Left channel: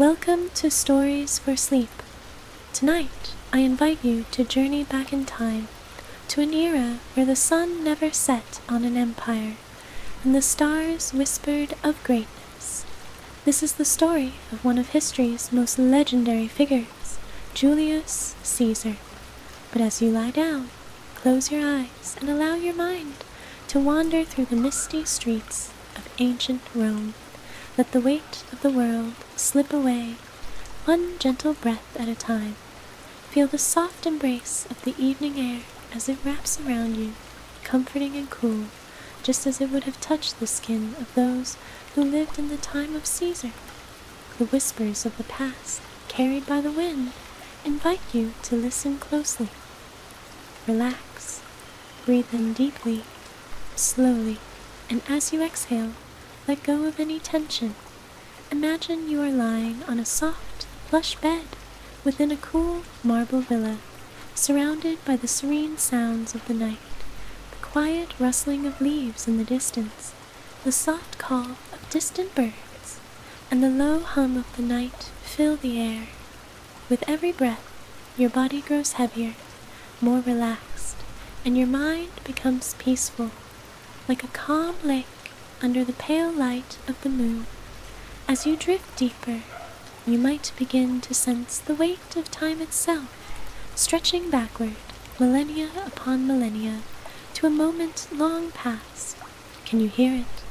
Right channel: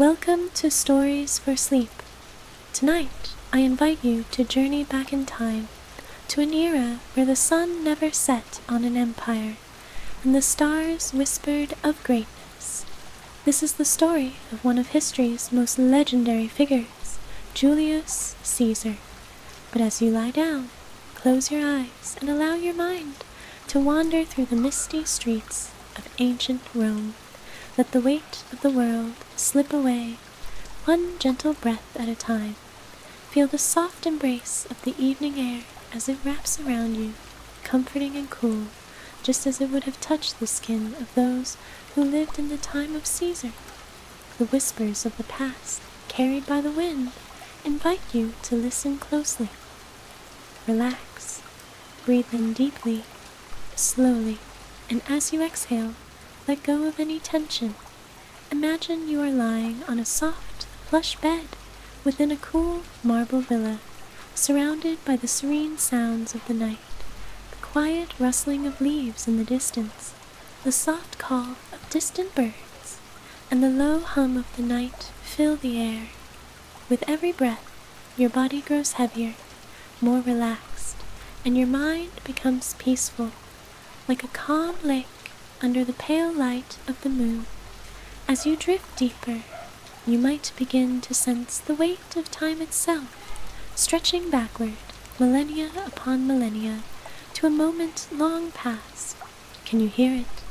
Welcome to Stories for Sleep. Tonight, I invite you to journey back in time to an era where the sun never set on an empire and the stars whispered of greatness. This is the story of one of history's most legendary figures, Julius Caesar. But as you lie down, close your eyes and allow your mind to wander through the misty streets of ancient Rome. Let the weight of the world slip away, one gentle breath at a time. Feel the soft embrace of the evening air as it wraps around you, comforting and cool, just as it would have touched the skin of those who lived in the time of Caesar. The whispers of the past, carried by the wind, invite you to listen closely. Relax, breathe in deeply, slowly, and as you exhale, let go of any tension. Imagine you are lying on a soft, plush bed within a cool marble villa, surrounded by the serene sounds of the night, the quiet rustling of leaves in the distance, the soft call of distant birds, and the low hum of the night fill the air. With every breath, your body grows heavier, more relaxed, and your mind becomes peaceful, like a calm lake under the pale light of the moon. As you drift deeper, you might begin to sense the weight of time itself, stretching backward, millennia upon millennia, to a moment long past. Can you hear it?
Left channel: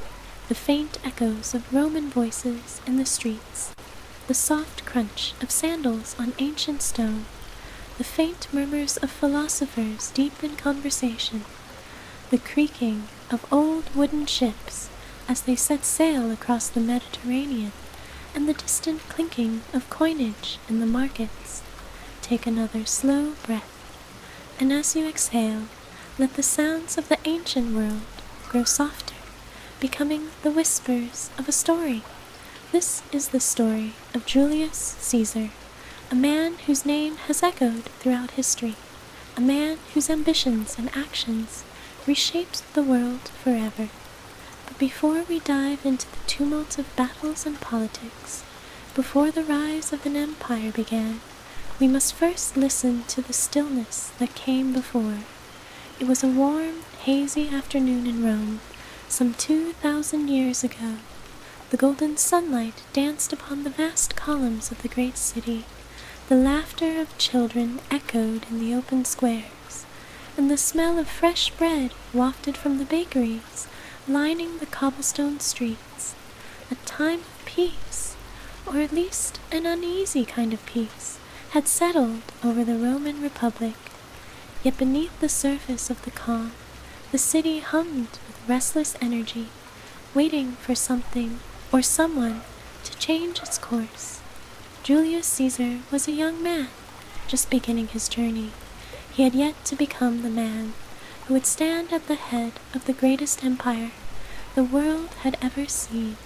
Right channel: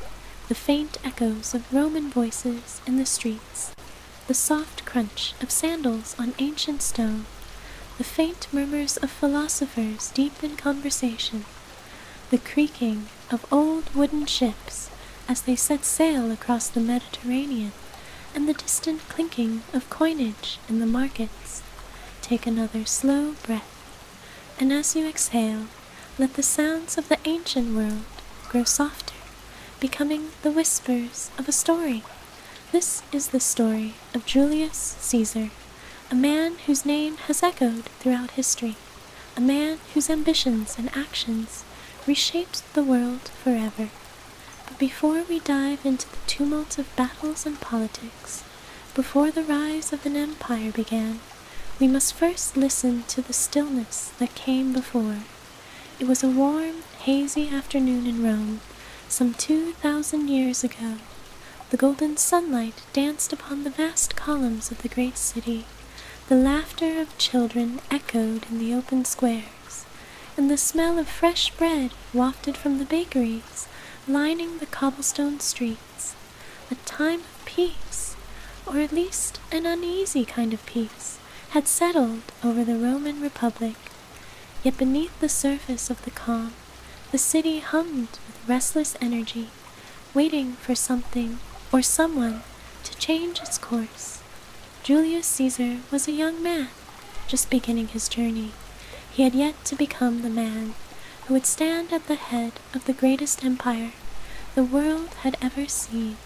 The faint echoes of Roman voices in the streets, the soft crunch of sandals on ancient stone, the faint murmurs of philosophers deep in conversation, the creaking of old wooden ships as they set sail across the Mediterranean, and the distant clinking of coinage in the markets. Take another slow breath, and as you exhale, let the sounds of the ancient world grow softer, becoming the whispers of a story. This is the story of Julius Caesar, a man whose name has echoed throughout history, a man whose ambitions and actions reshaped the world forever. But before we dive into the tumult of battles and politics, before the rise of an empire began, we must first listen to the stillness that came before. It was a warm, hazy afternoon in Rome, some 2,000 years ago. The golden sunlight danced upon the vast columns of the great city. The laughter of children echoed in the open squares, and the smell of fresh bread wafted from the bakeries lining the cobblestone streets. A time of peace, or at least an uneasy kind of peace, had settled over the Roman Republic. Yet beneath the surface of the calm, the city hummed with restless energy, waiting for something or someone to change its course. Julius Caesar was a young man, just beginning his journey. He had yet to become the man who would stand at the head of the greatest empire the world had ever seen.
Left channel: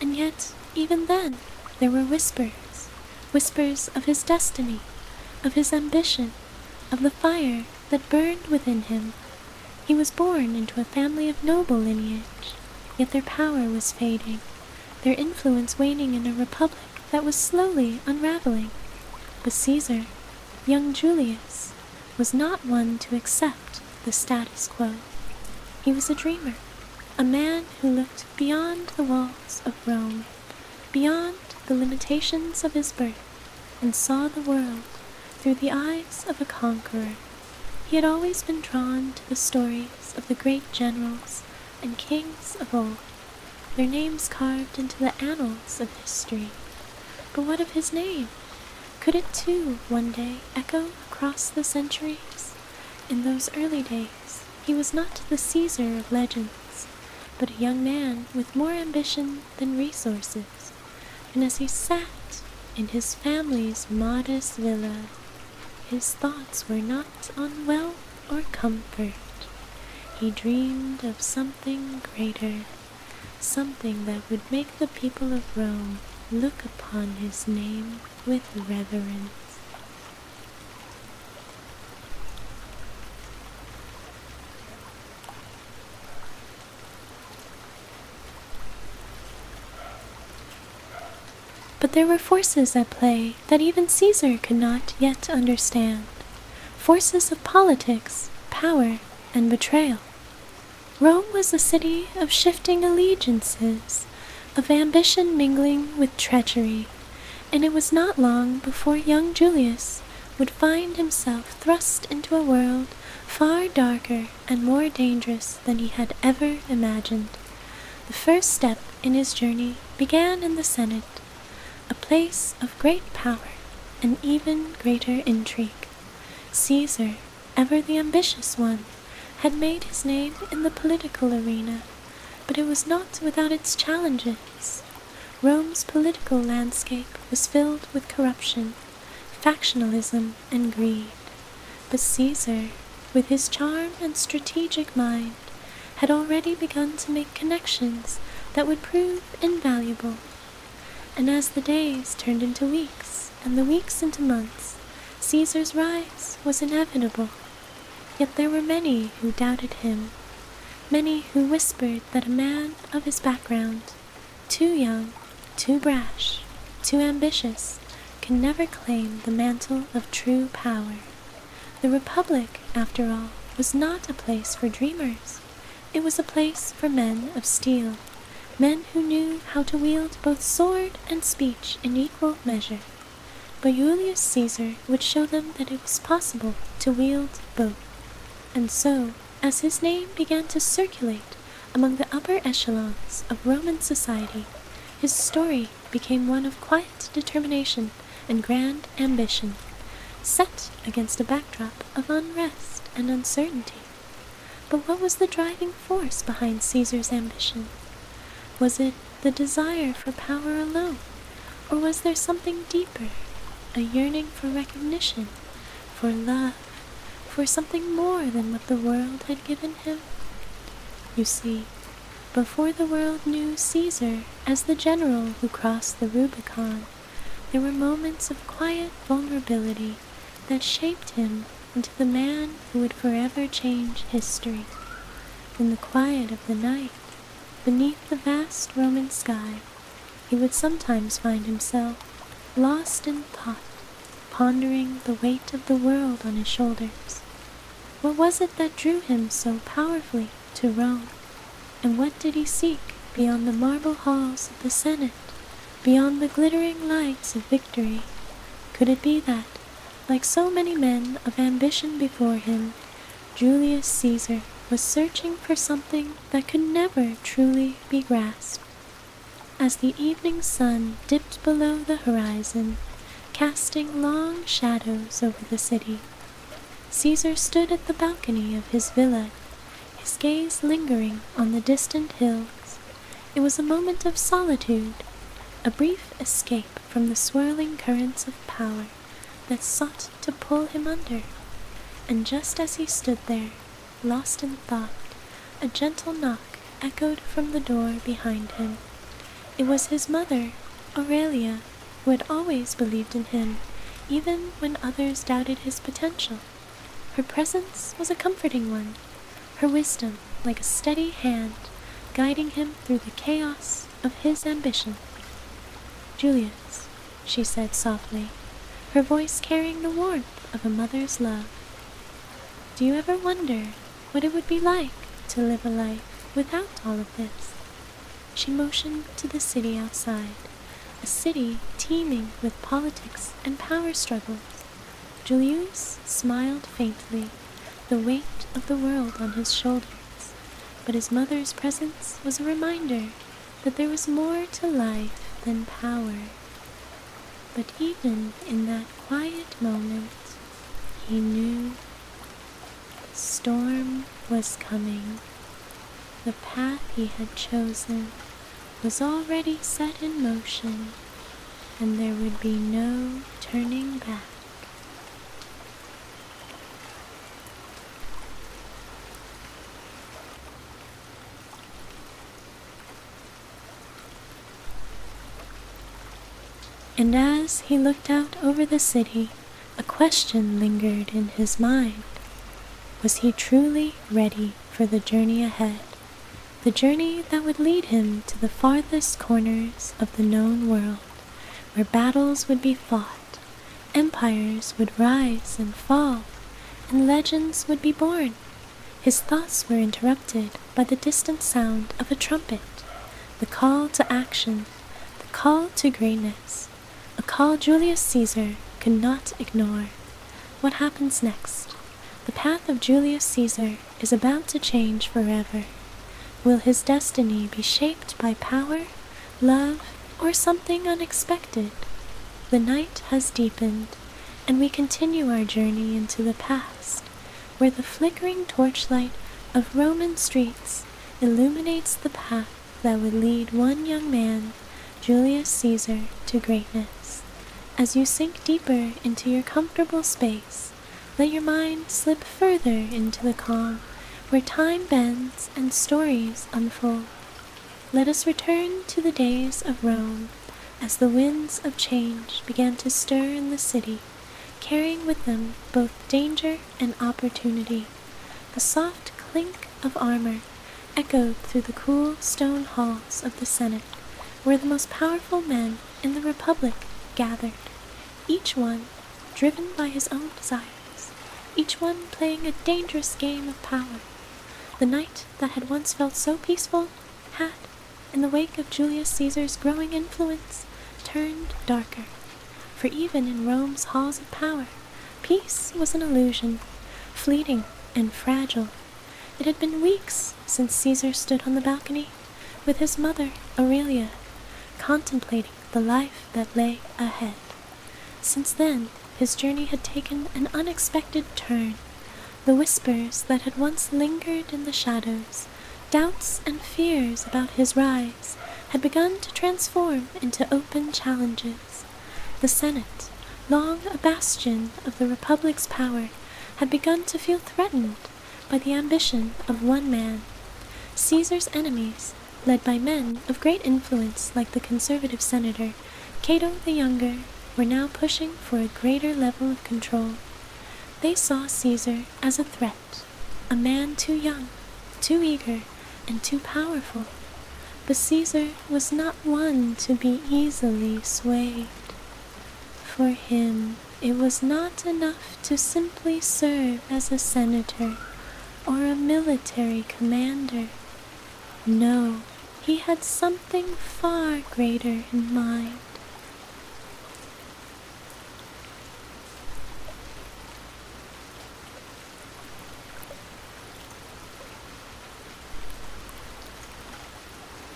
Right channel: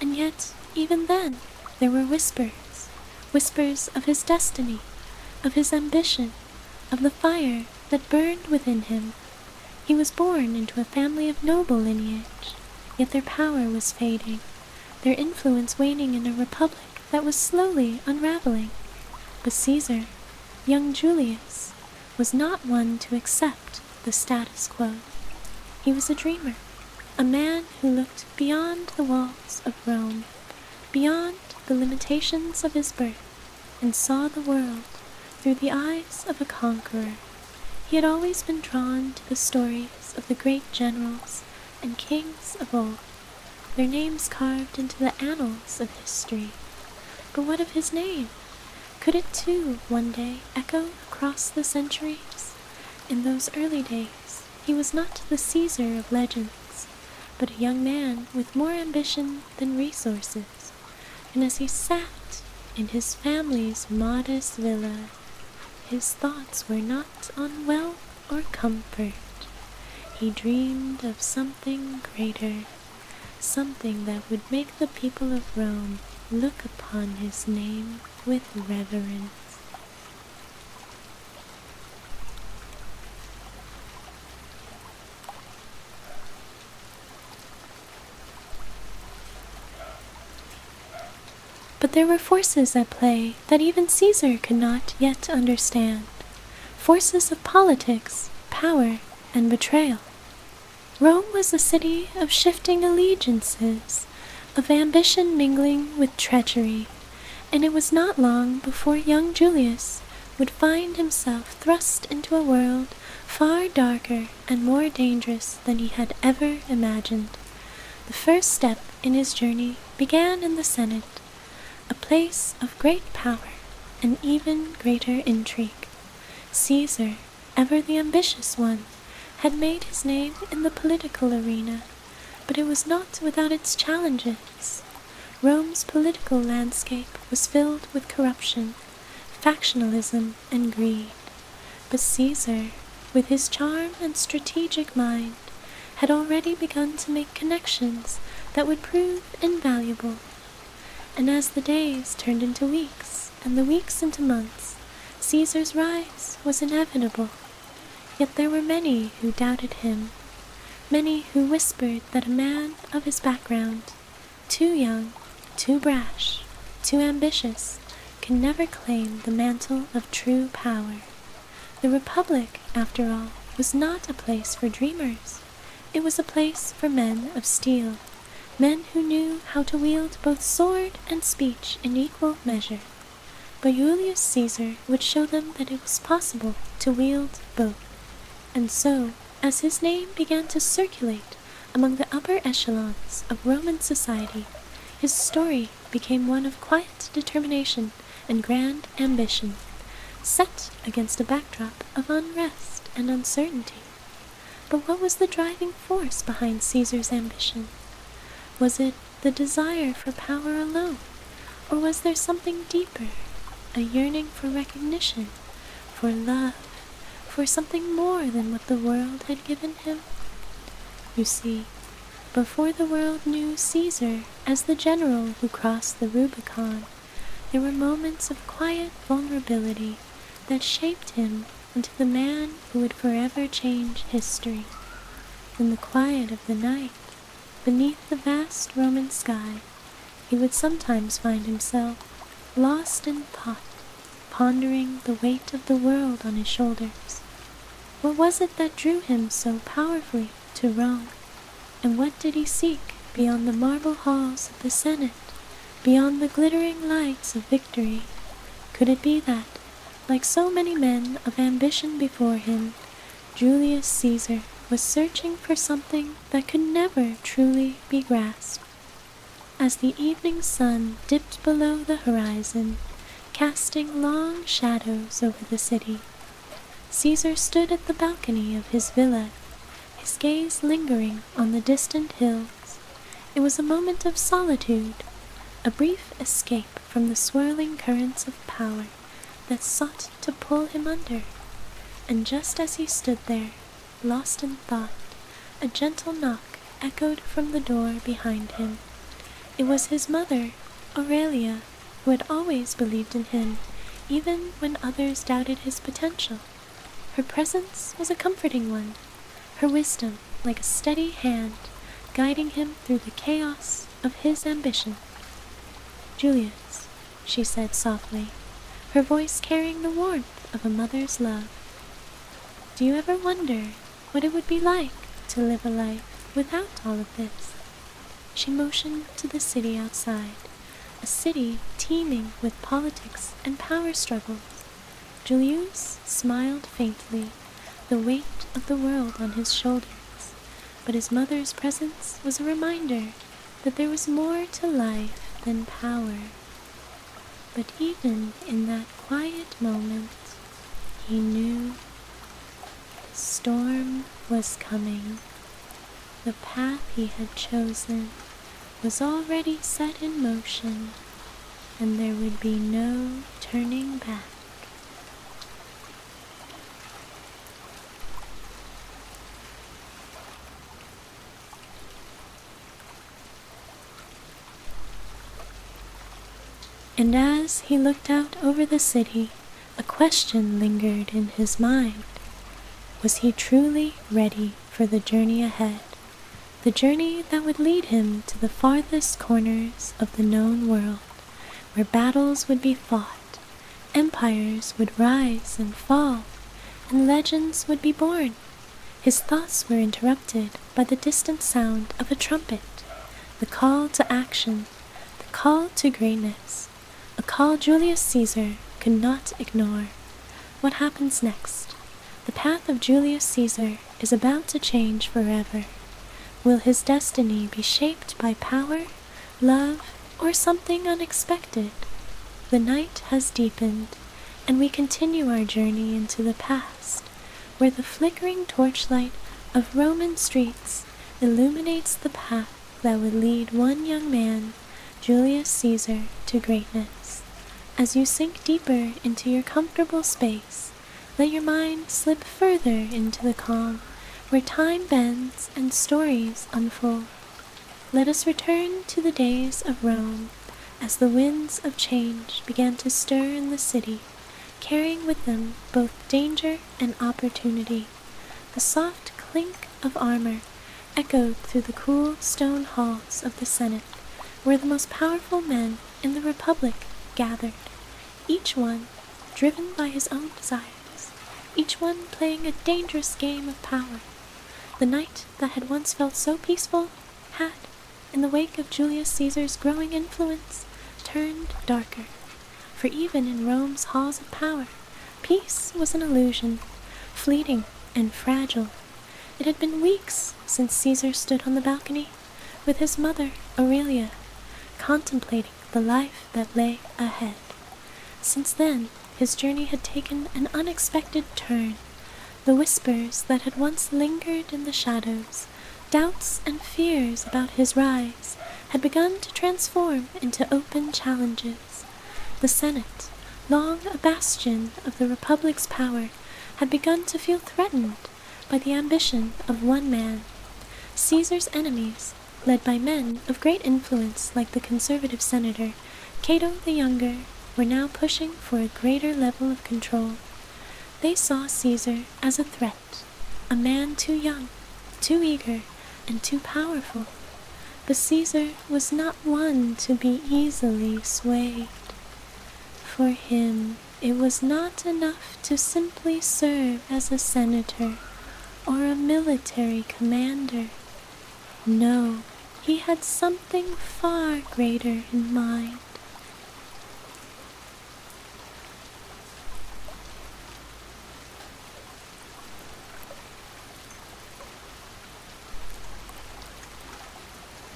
And yet, even then, there were whispers of his destiny, of his ambition, of the fire that burned within him. He was born into a family of noble lineage, yet their power was fading, their influence waning in a republic that was slowly unraveling. But Caesar, young Julius, was not one to accept the status quo. He was a dreamer, a man who looked beyond the walls of Rome, beyond the limitations of his birth, and saw the world through the eyes of a conqueror. He had always been drawn to the stories of the great generals and kings of old, their names carved into the annals of history. But what of his name? Could it too one day echo across the centuries? In those early days, he was not the Caesar of legends, but a young man with more ambition than resources. And as he sat in his family's modest villa, his thoughts were not on wealth or comfort. He dreamed of something greater, something that would make the people of Rome look upon his name with reverence. But there were forces at play that even Caesar could not yet understand. Forces of politics, power, and betrayal. Rome was a city of shifting allegiances, of ambition mingling with treachery, and it was not long before young Julius would find himself thrust into a world far darker and more dangerous than he had ever imagined. The first step in his journey began in the Senate, a place of great power and even greater intrigue. Caesar, ever the ambitious one, had made his name in the political arena, but it was not without its challenges. Rome's political landscape was filled with corruption, factionalism, and greed. But Caesar, with his charm and strategic mind, had already begun to make connections that would prove invaluable. And as the days turned into weeks, and the weeks into months, Caesar's rise was inevitable. Yet there were many who doubted him, many who whispered that a man of his background, too young, too brash, too ambitious, can never claim the mantle of true power. The Republic, after all, was not a place for dreamers. It was a place for men of steel, men who knew how to wield both sword and speech in equal measure. But Julius Caesar would show them that it was possible to wield both. And so, as his name began to circulate among the upper echelons of Roman society, his story became one of quiet determination and grand ambition, set against a backdrop of unrest and uncertainty. But what was the driving force behind Caesar's ambition? Was it the desire for power alone, or was there something deeper, a yearning for recognition, for love, for something more than what the world had given him? You see, before the world knew Caesar as the general who crossed the Rubicon, there were moments of quiet vulnerability that shaped him into the man who would forever change history. In the quiet of the night, beneath the vast Roman sky, he would sometimes find himself lost in thought, pondering the weight of the world on his shoulders. What was it that drew him so powerfully to Rome? And what did he seek beyond the marble halls of the Senate, beyond the glittering lights of victory? Could it be that, like so many men of ambition before him, Julius Caesar was searching for something that could never truly be grasped? As the evening sun dipped below the horizon, casting long shadows over the city, Caesar stood at the balcony of his villa, his gaze lingering on the distant hills. It was a moment of solitude, a brief escape from the swirling currents of power that sought to pull him under. And just as he stood there, lost in thought, a gentle knock echoed from the door behind him. It was his mother, Aurelia, who had always believed in him, even when others doubted his potential. Her presence was a comforting one, her wisdom like a steady hand, guiding him through the chaos of his ambition. "Julius," she said softly, her voice carrying the warmth of a mother's love, "do you ever wonder what it would be like to live a life without all of this?" She motioned to the city outside, a city teeming with politics and power struggles. Julius smiled faintly, the weight of the world on his shoulders, but his mother's presence was a reminder that there was more to life than power. But even in that quiet moment, he knew the storm was coming. The path he had chosen was already set in motion, and there would be no turning back. And as he looked out over the city, a question lingered in his mind. Was he truly ready for the journey ahead? The journey that would lead him to the farthest corners of the known world, where battles would be fought, empires would rise and fall, and legends would be born. His thoughts were interrupted by the distant sound of a trumpet, the call to action, the call to greatness, a call Julius Caesar could not ignore. What happens next? The path of Julius Caesar is about to change forever. Will his destiny be shaped by power, love, or something unexpected? The night has deepened, and we continue our journey into the past, where the flickering torchlight of Roman streets illuminates the path that would lead one young man, Julius Caesar, to greatness. As you sink deeper into your comfortable space, let your mind slip further into the calm, where time bends and stories unfold. Let us return to the days of Rome, as the winds of change began to stir in the city, carrying with them both danger and opportunity. The soft clink of armor echoed through the cool stone halls of the Senate, where the most powerful men in the Republic gathered, each one driven by his own desires, each one playing a dangerous game of power. The night that had once felt so peaceful had, in the wake of Julius Caesar's growing influence, turned darker. For even in Rome's halls of power, peace was an illusion, fleeting and fragile. It had been weeks since Caesar stood on the balcony with his mother, Aurelia, contemplating the life that lay ahead. Since then, his journey had taken an unexpected turn. The whispers that had once lingered in the shadows, doubts and fears about his rise, had begun to transform into open challenges. The Senate, long a bastion of the Republic's power, had begun to feel threatened by the ambition of one man. Caesar's enemies, led by men of great influence like the conservative senator Cato the Younger, were now pushing for a greater level of control. They saw Caesar as a threat, a man too young, too eager, and too powerful. But Caesar was not one to be easily swayed. For him, it was not enough to simply serve as a senator or a military commander. No, he had something far greater in mind.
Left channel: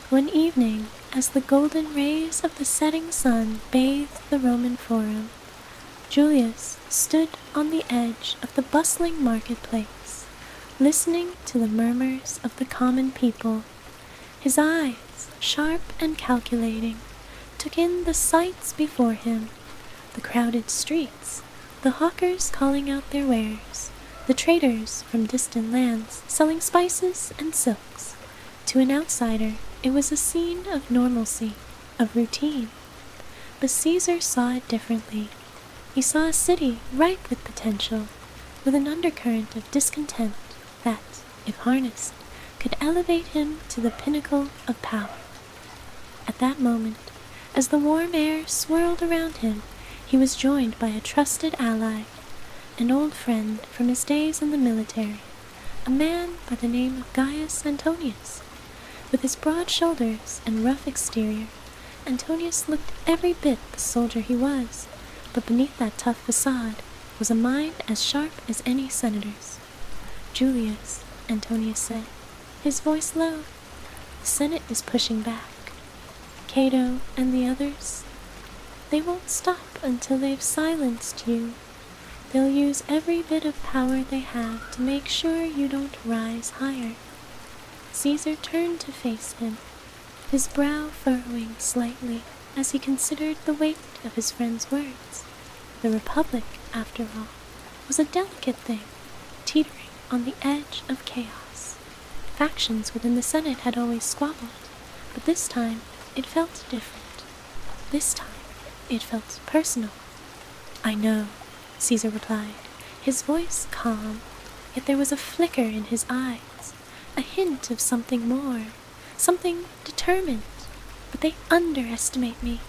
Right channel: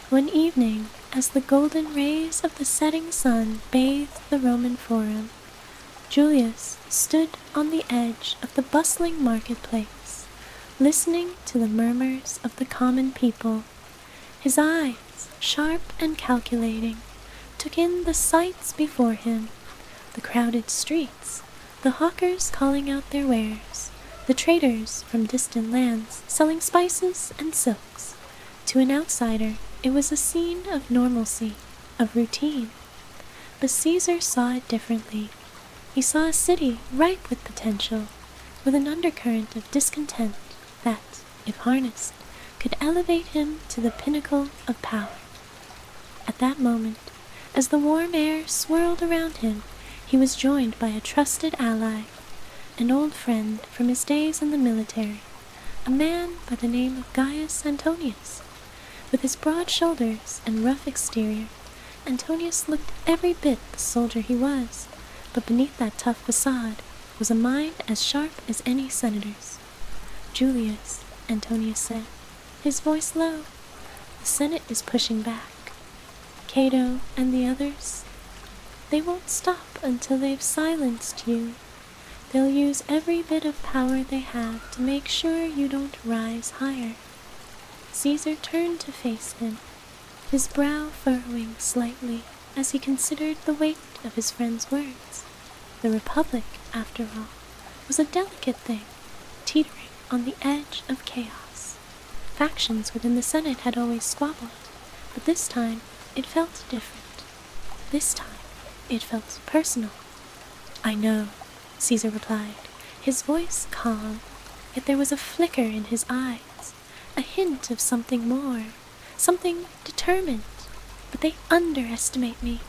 One evening, as the golden rays of the setting sun bathed the Roman Forum, Julius stood on the edge of the bustling marketplace, listening to the murmurs of the common people. His eyes, sharp and calculating, took in the sights before him, the crowded streets, the hawkers calling out their wares, the traders from distant lands selling spices and silks. To an outsider, it was a scene of normalcy, of routine. But Caesar saw it differently. He saw a city ripe with potential, with an undercurrent of discontent that, if harnessed, could elevate him to the pinnacle of power. At that moment, as the warm air swirled around him, he was joined by a trusted ally, an old friend from his days in the military, a man by the name of Gaius Antonius. With his broad shoulders and rough exterior, Antonius looked every bit the soldier he was, but beneath that tough facade was a mind as sharp as any senator's. "Julius," Antonius said, his voice low, "the Senate is pushing back. Cato and the others, they won't stop until they've silenced you. They'll use every bit of power they have to make sure you don't rise higher." Caesar turned to face him, his brow furrowing slightly as he considered the weight of his friend's words. The Republic, after all, was a delicate thing, teetering on the edge of chaos. Factions within the Senate had always squabbled, but this time it felt different. This time it felt personal. "I know," Caesar replied, his voice calm, yet there was a flicker in his eyes, a hint of something more, something determined. "But they underestimate me.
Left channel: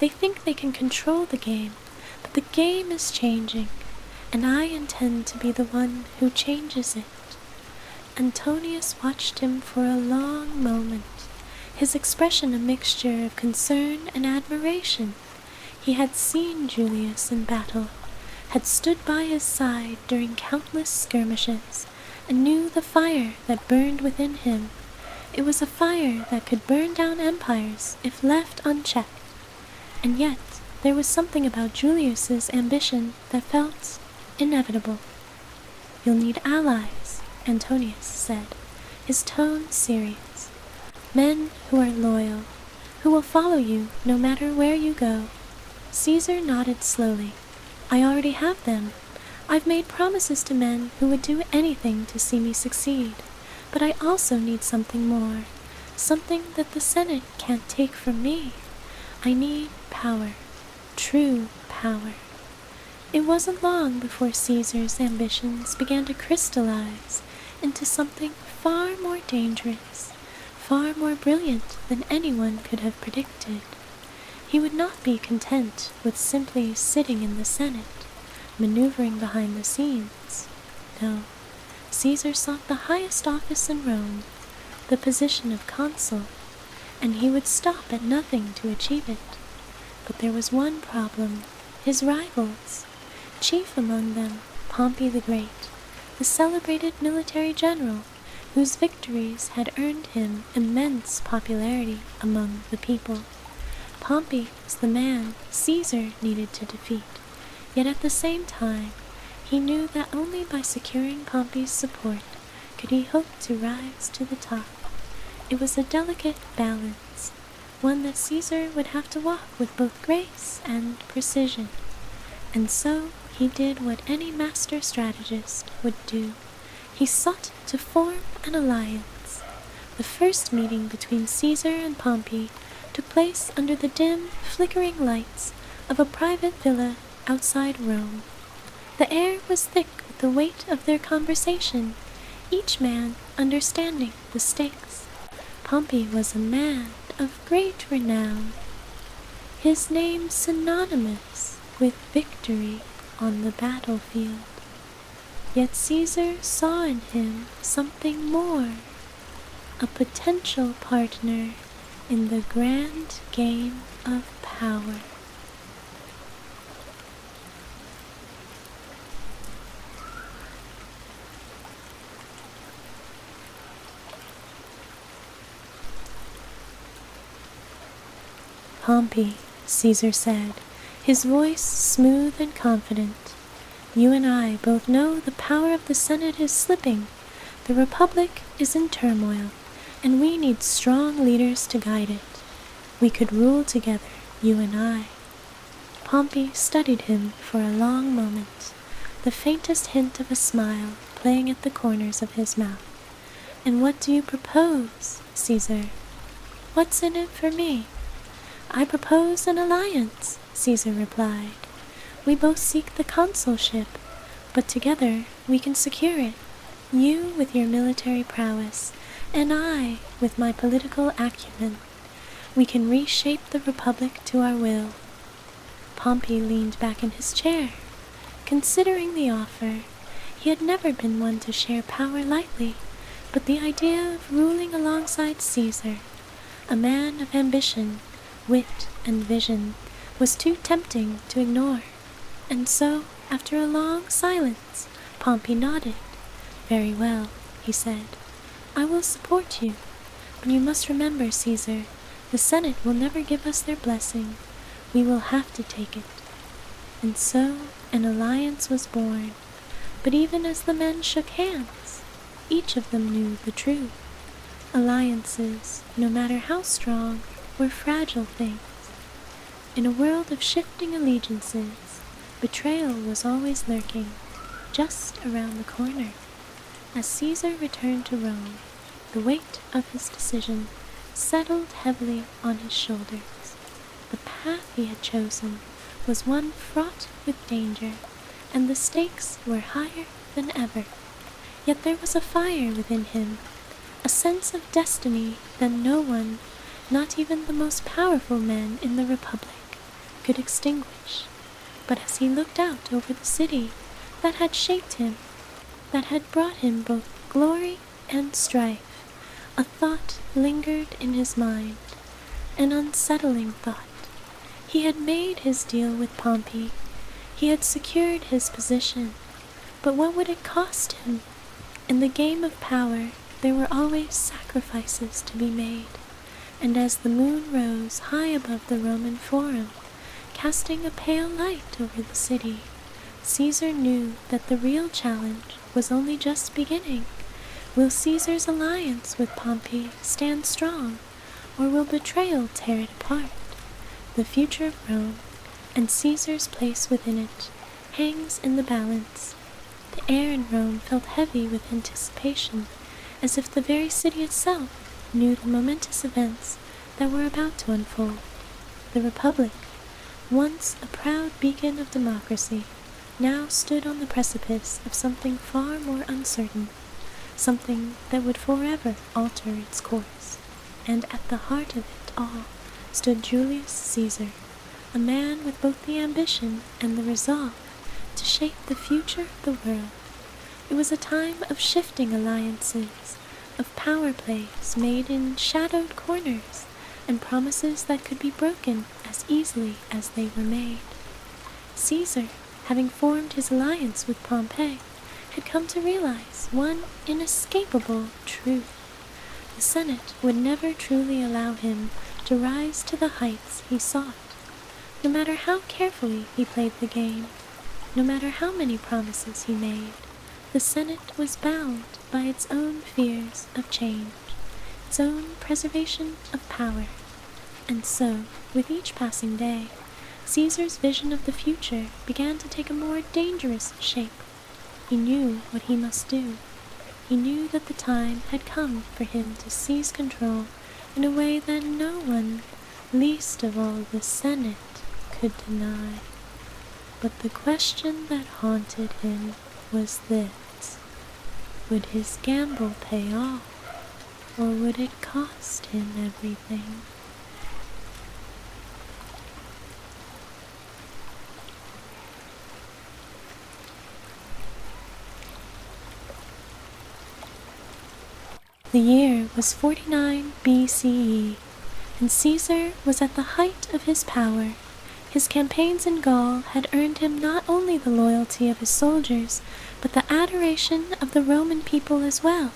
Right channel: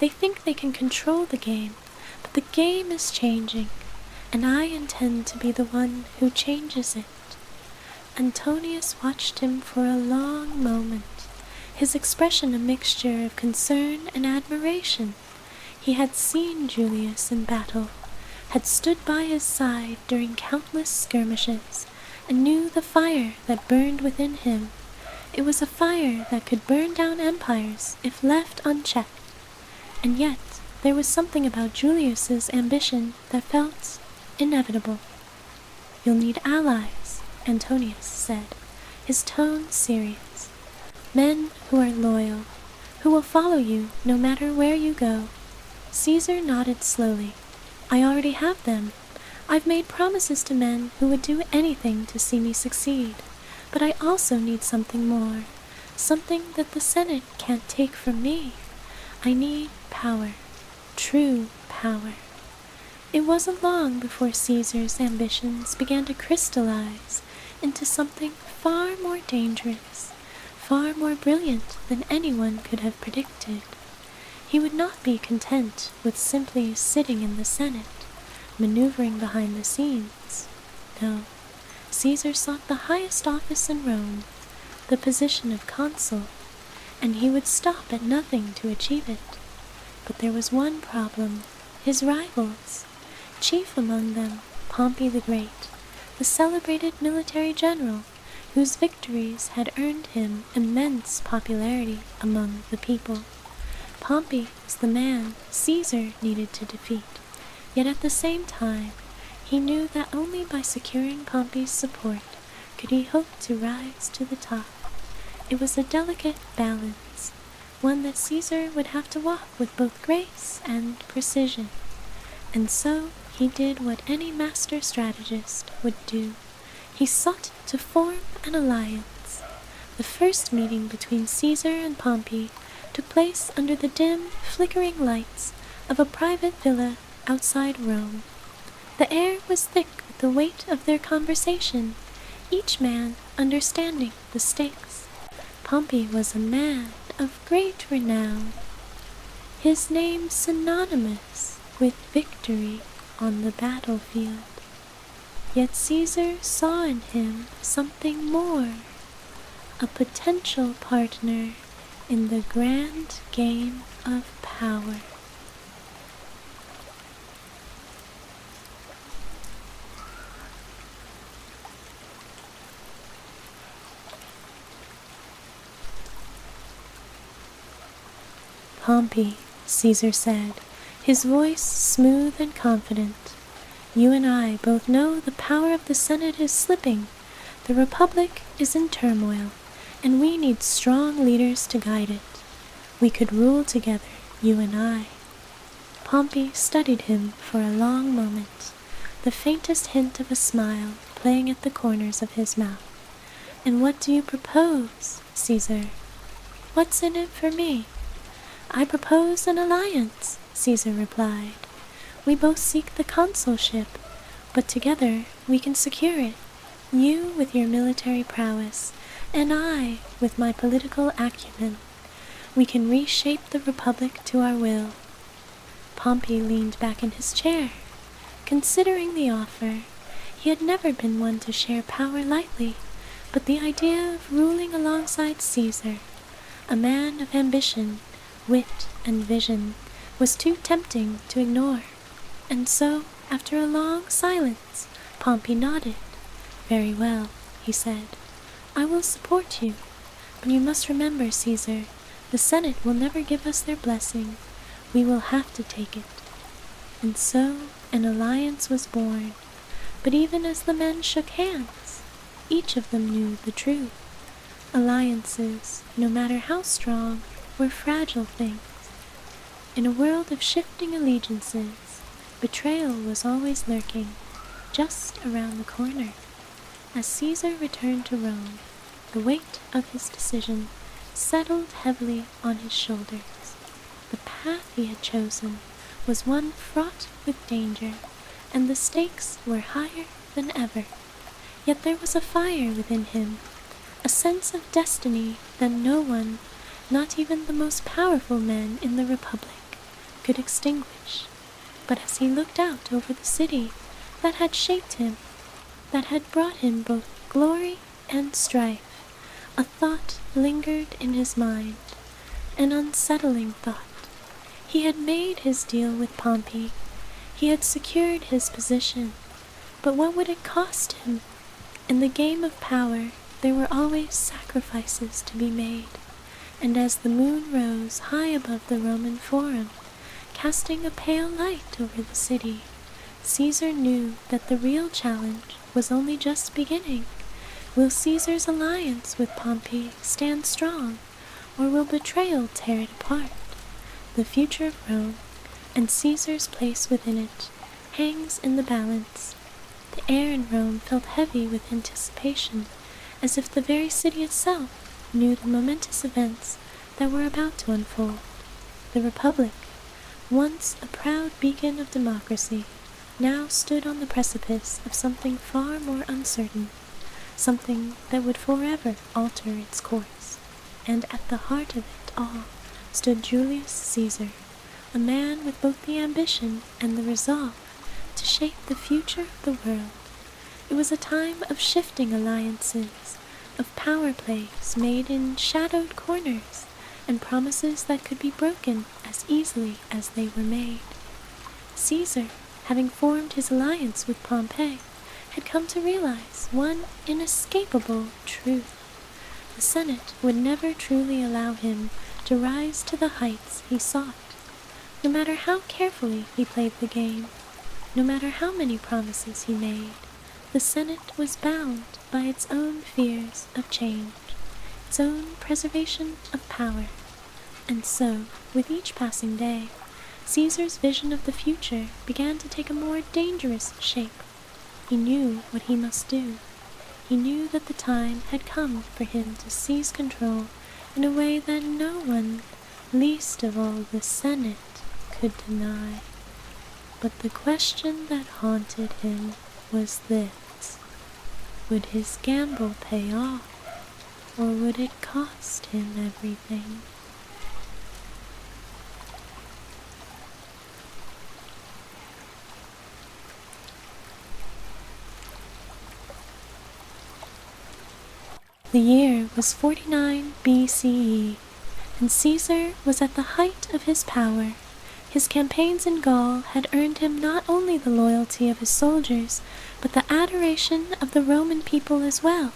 They think they can control the game, but the game is changing, and I intend to be the one who changes it." Antonius watched him for a long moment, his expression a mixture of concern and admiration. He had seen Julius in battle, had stood by his side during countless skirmishes, and knew the fire that burned within him. It was a fire that could burn down empires if left unchecked. And yet there was something about Julius's ambition that felt inevitable. "You'll need allies," Antonius said, his tone serious. "Men who are loyal, who will follow you no matter where you go." Caesar nodded slowly. "I already have them. I've made promises to men who would do anything to see me succeed. But I also need something more, something that the Senate can't take from me. I need power, true power." It wasn't long before Caesar's ambitions began to crystallize into something far more dangerous, far more brilliant than anyone could have predicted. He would not be content with simply sitting in the Senate, maneuvering behind the scenes. No, Caesar sought the highest office in Rome, the position of consul, and he would stop at nothing to achieve it. But there was one problem: his rivals. Chief among them, Pompey the Great, the celebrated military general, whose victories had earned him immense popularity among the people. Pompey was the man Caesar needed to defeat, yet at the same time, he knew that only by securing Pompey's support could he hope to rise to the top. It was a delicate balance, one that Caesar would have to walk with both grace and precision. And so he did what any master strategist would do. He sought to form an alliance. The first meeting between Caesar and Pompey took place under the dim, flickering lights of a private villa outside Rome. The air was thick with the weight of their conversation, each man understanding the stakes. Pompey was a man of great renown, his name synonymous with victory on the battlefield. Yet Caesar saw in him something more, a potential partner in the grand game of power. "Pompey," Caesar said, his voice smooth and confident, "you and I both know the power of the Senate is slipping. The Republic is in turmoil, and we need strong leaders to guide it. We could rule together, you and I." Pompey studied him for a long moment, the faintest hint of a smile playing at the corners of his mouth. "And what do you propose, Caesar?" "What's in it for me?" "I propose an alliance," Caesar replied. "We both seek the consulship, but together we can secure it. You with your military prowess, and I with my political acumen. We can reshape the Republic to our will." Pompey leaned back in his chair, considering the offer. He had never been one to share power lightly, but the idea of ruling alongside Caesar, a man of ambition, wit, and vision, was too tempting to ignore. And so, after a long silence, Pompey nodded. "Very well," he said. "I will support you. But you must remember, Caesar, the Senate will never give us their blessing. We will have to take it." And so an alliance was born. But even as the men shook hands, each of them knew the truth. Alliances, no matter how strong, were fragile things. In a world of shifting allegiances, betrayal was always lurking, just around the corner. As Caesar returned to Rome, the weight of his decision settled heavily on his shoulders. The path he had chosen was one fraught with danger, and the stakes were higher than ever. Yet there was a fire within him, a sense of destiny that no one, not even the most powerful men in the Republic, could extinguish. But as he looked out over the city that had shaped him, that had brought him both glory and strife, a thought lingered in his mind, an unsettling thought. He had made his deal with Pompey. He had secured his position. But what would it cost him? In the game of power, there were always sacrifices to be made. And as the moon rose high above the Roman Forum, casting a pale light over the city, Caesar knew that the real challenge was only just beginning. Will Caesar's alliance with Pompey stand strong, or will betrayal tear it apart? The future of Rome, and Caesar's place within it, hangs in the balance. The air in Rome felt heavy with anticipation, as if the very city itself knew the momentous events that were about to unfold. The Republic, once a proud beacon of democracy, now stood on the precipice of something far more uncertain, something that would forever alter its course. And at the heart of it all stood Julius Caesar, a man with both the ambition and the resolve to shape the future of the world. It was a time of shifting alliances, of power plays made in shadowed corners, and promises that could be broken as easily as they were made. Caesar, having formed his alliance with Pompey, had come to realize one inescapable truth. The Senate would never truly allow him to rise to the heights he sought. No matter how carefully he played the game, no matter how many promises he made, the Senate was bound by its own fears of change, its own preservation of power. And so, with each passing day, Caesar's vision of the future began to take a more dangerous shape. He knew what he must do. He knew that the time had come for him to seize control in a way that no one, least of all the Senate, could deny. But the question that haunted him was this: would his gamble pay off, or would it cost him everything? The year was 49 BCE, and Caesar was at the height of his power. His campaigns in Gaul had earned him not only the loyalty of his soldiers, but the adoration of the Roman people as well.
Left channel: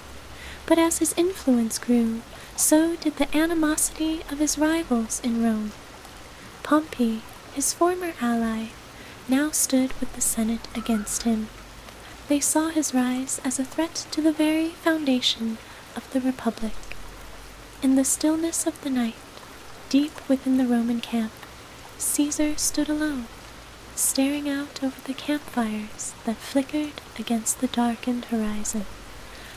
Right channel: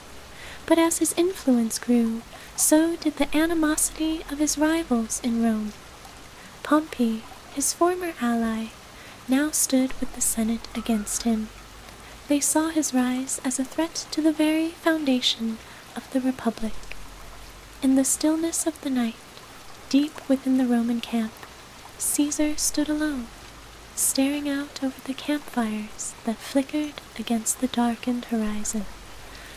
But as his influence grew, so did the animosity of his rivals in Rome. Pompey, his former ally, now stood with the Senate against him. They saw his rise as a threat to the very foundation of the Republic. In the stillness of the night, deep within the Roman camp, Caesar stood alone, staring out over the campfires that flickered against the darkened horizon.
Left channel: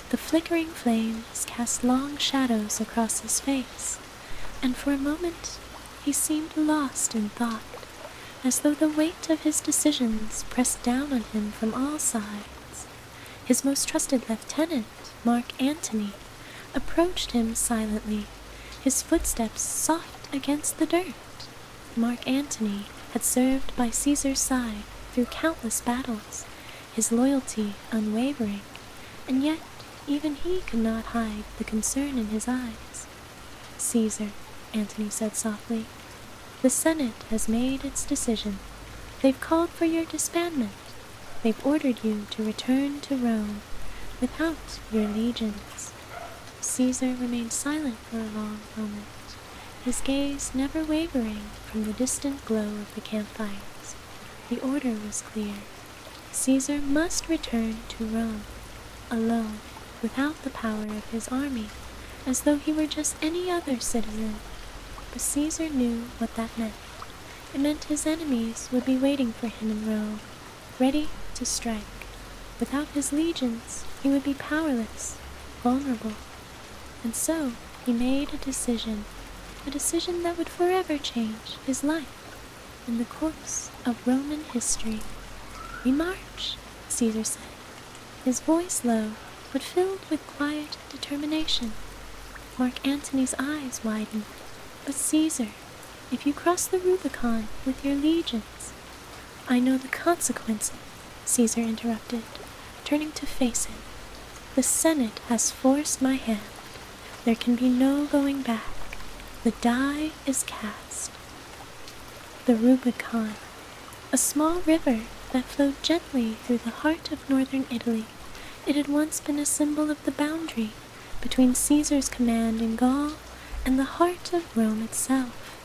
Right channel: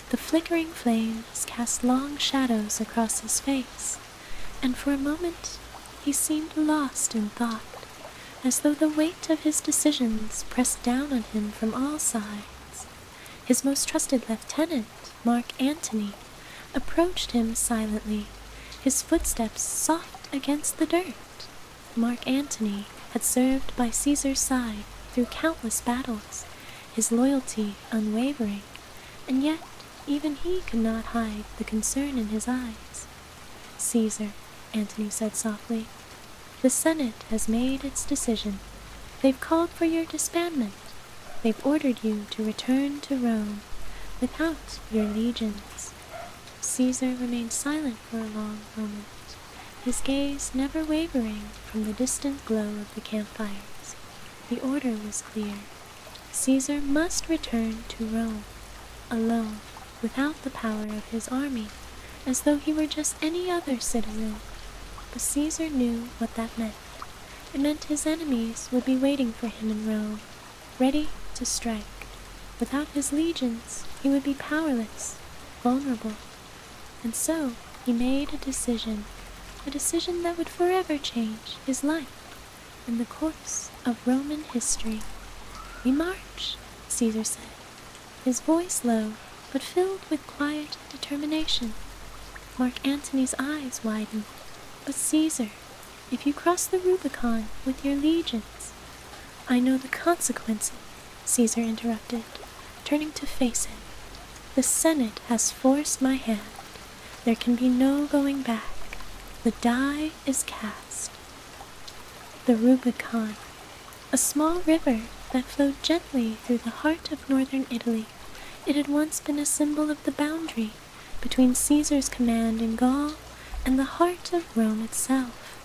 The flickering flames cast long shadows across his face, and for a moment he seemed lost in thought, as though the weight of his decisions pressed down on him from all sides. His most trusted lieutenant, Mark Antony, approached him silently, his footsteps soft against the dirt. Mark Antony had served by Caesar's side through countless battles, his loyalty unwavering, and yet even he could not hide the concern in his eyes. "Caesar," Antony said softly, "the Senate has made its decision. They've called for your disbandment. They've ordered you to return to Rome without your legions." Caesar remained silent for a long moment, his gaze never wavering from the distant glow of the campfires. The order was clear. Caesar must return to Rome, alone, without the power of his army, as though he were just any other citizen. But Caesar knew what that meant. It meant his enemies would be waiting for him in Rome, ready to strike. Without his legions, he would be powerless, vulnerable. And so he made a decision that would forever change his life and the course of Roman history. "We march," Caesar said, his voice low but filled with quiet determination. Mark Antony's eyes widened. "But Caesar, if you cross the Rubicon with your legions. I know the consequences, Caesar interrupted, turning to face him. The Senate has forced my hand. There can be no going back. The die is cast. The Rubicon, a small river that flowed gently through the heart of northern Italy. It had once been a symbol of the boundary between Caesar's command in Gaul and the heart of Rome itself.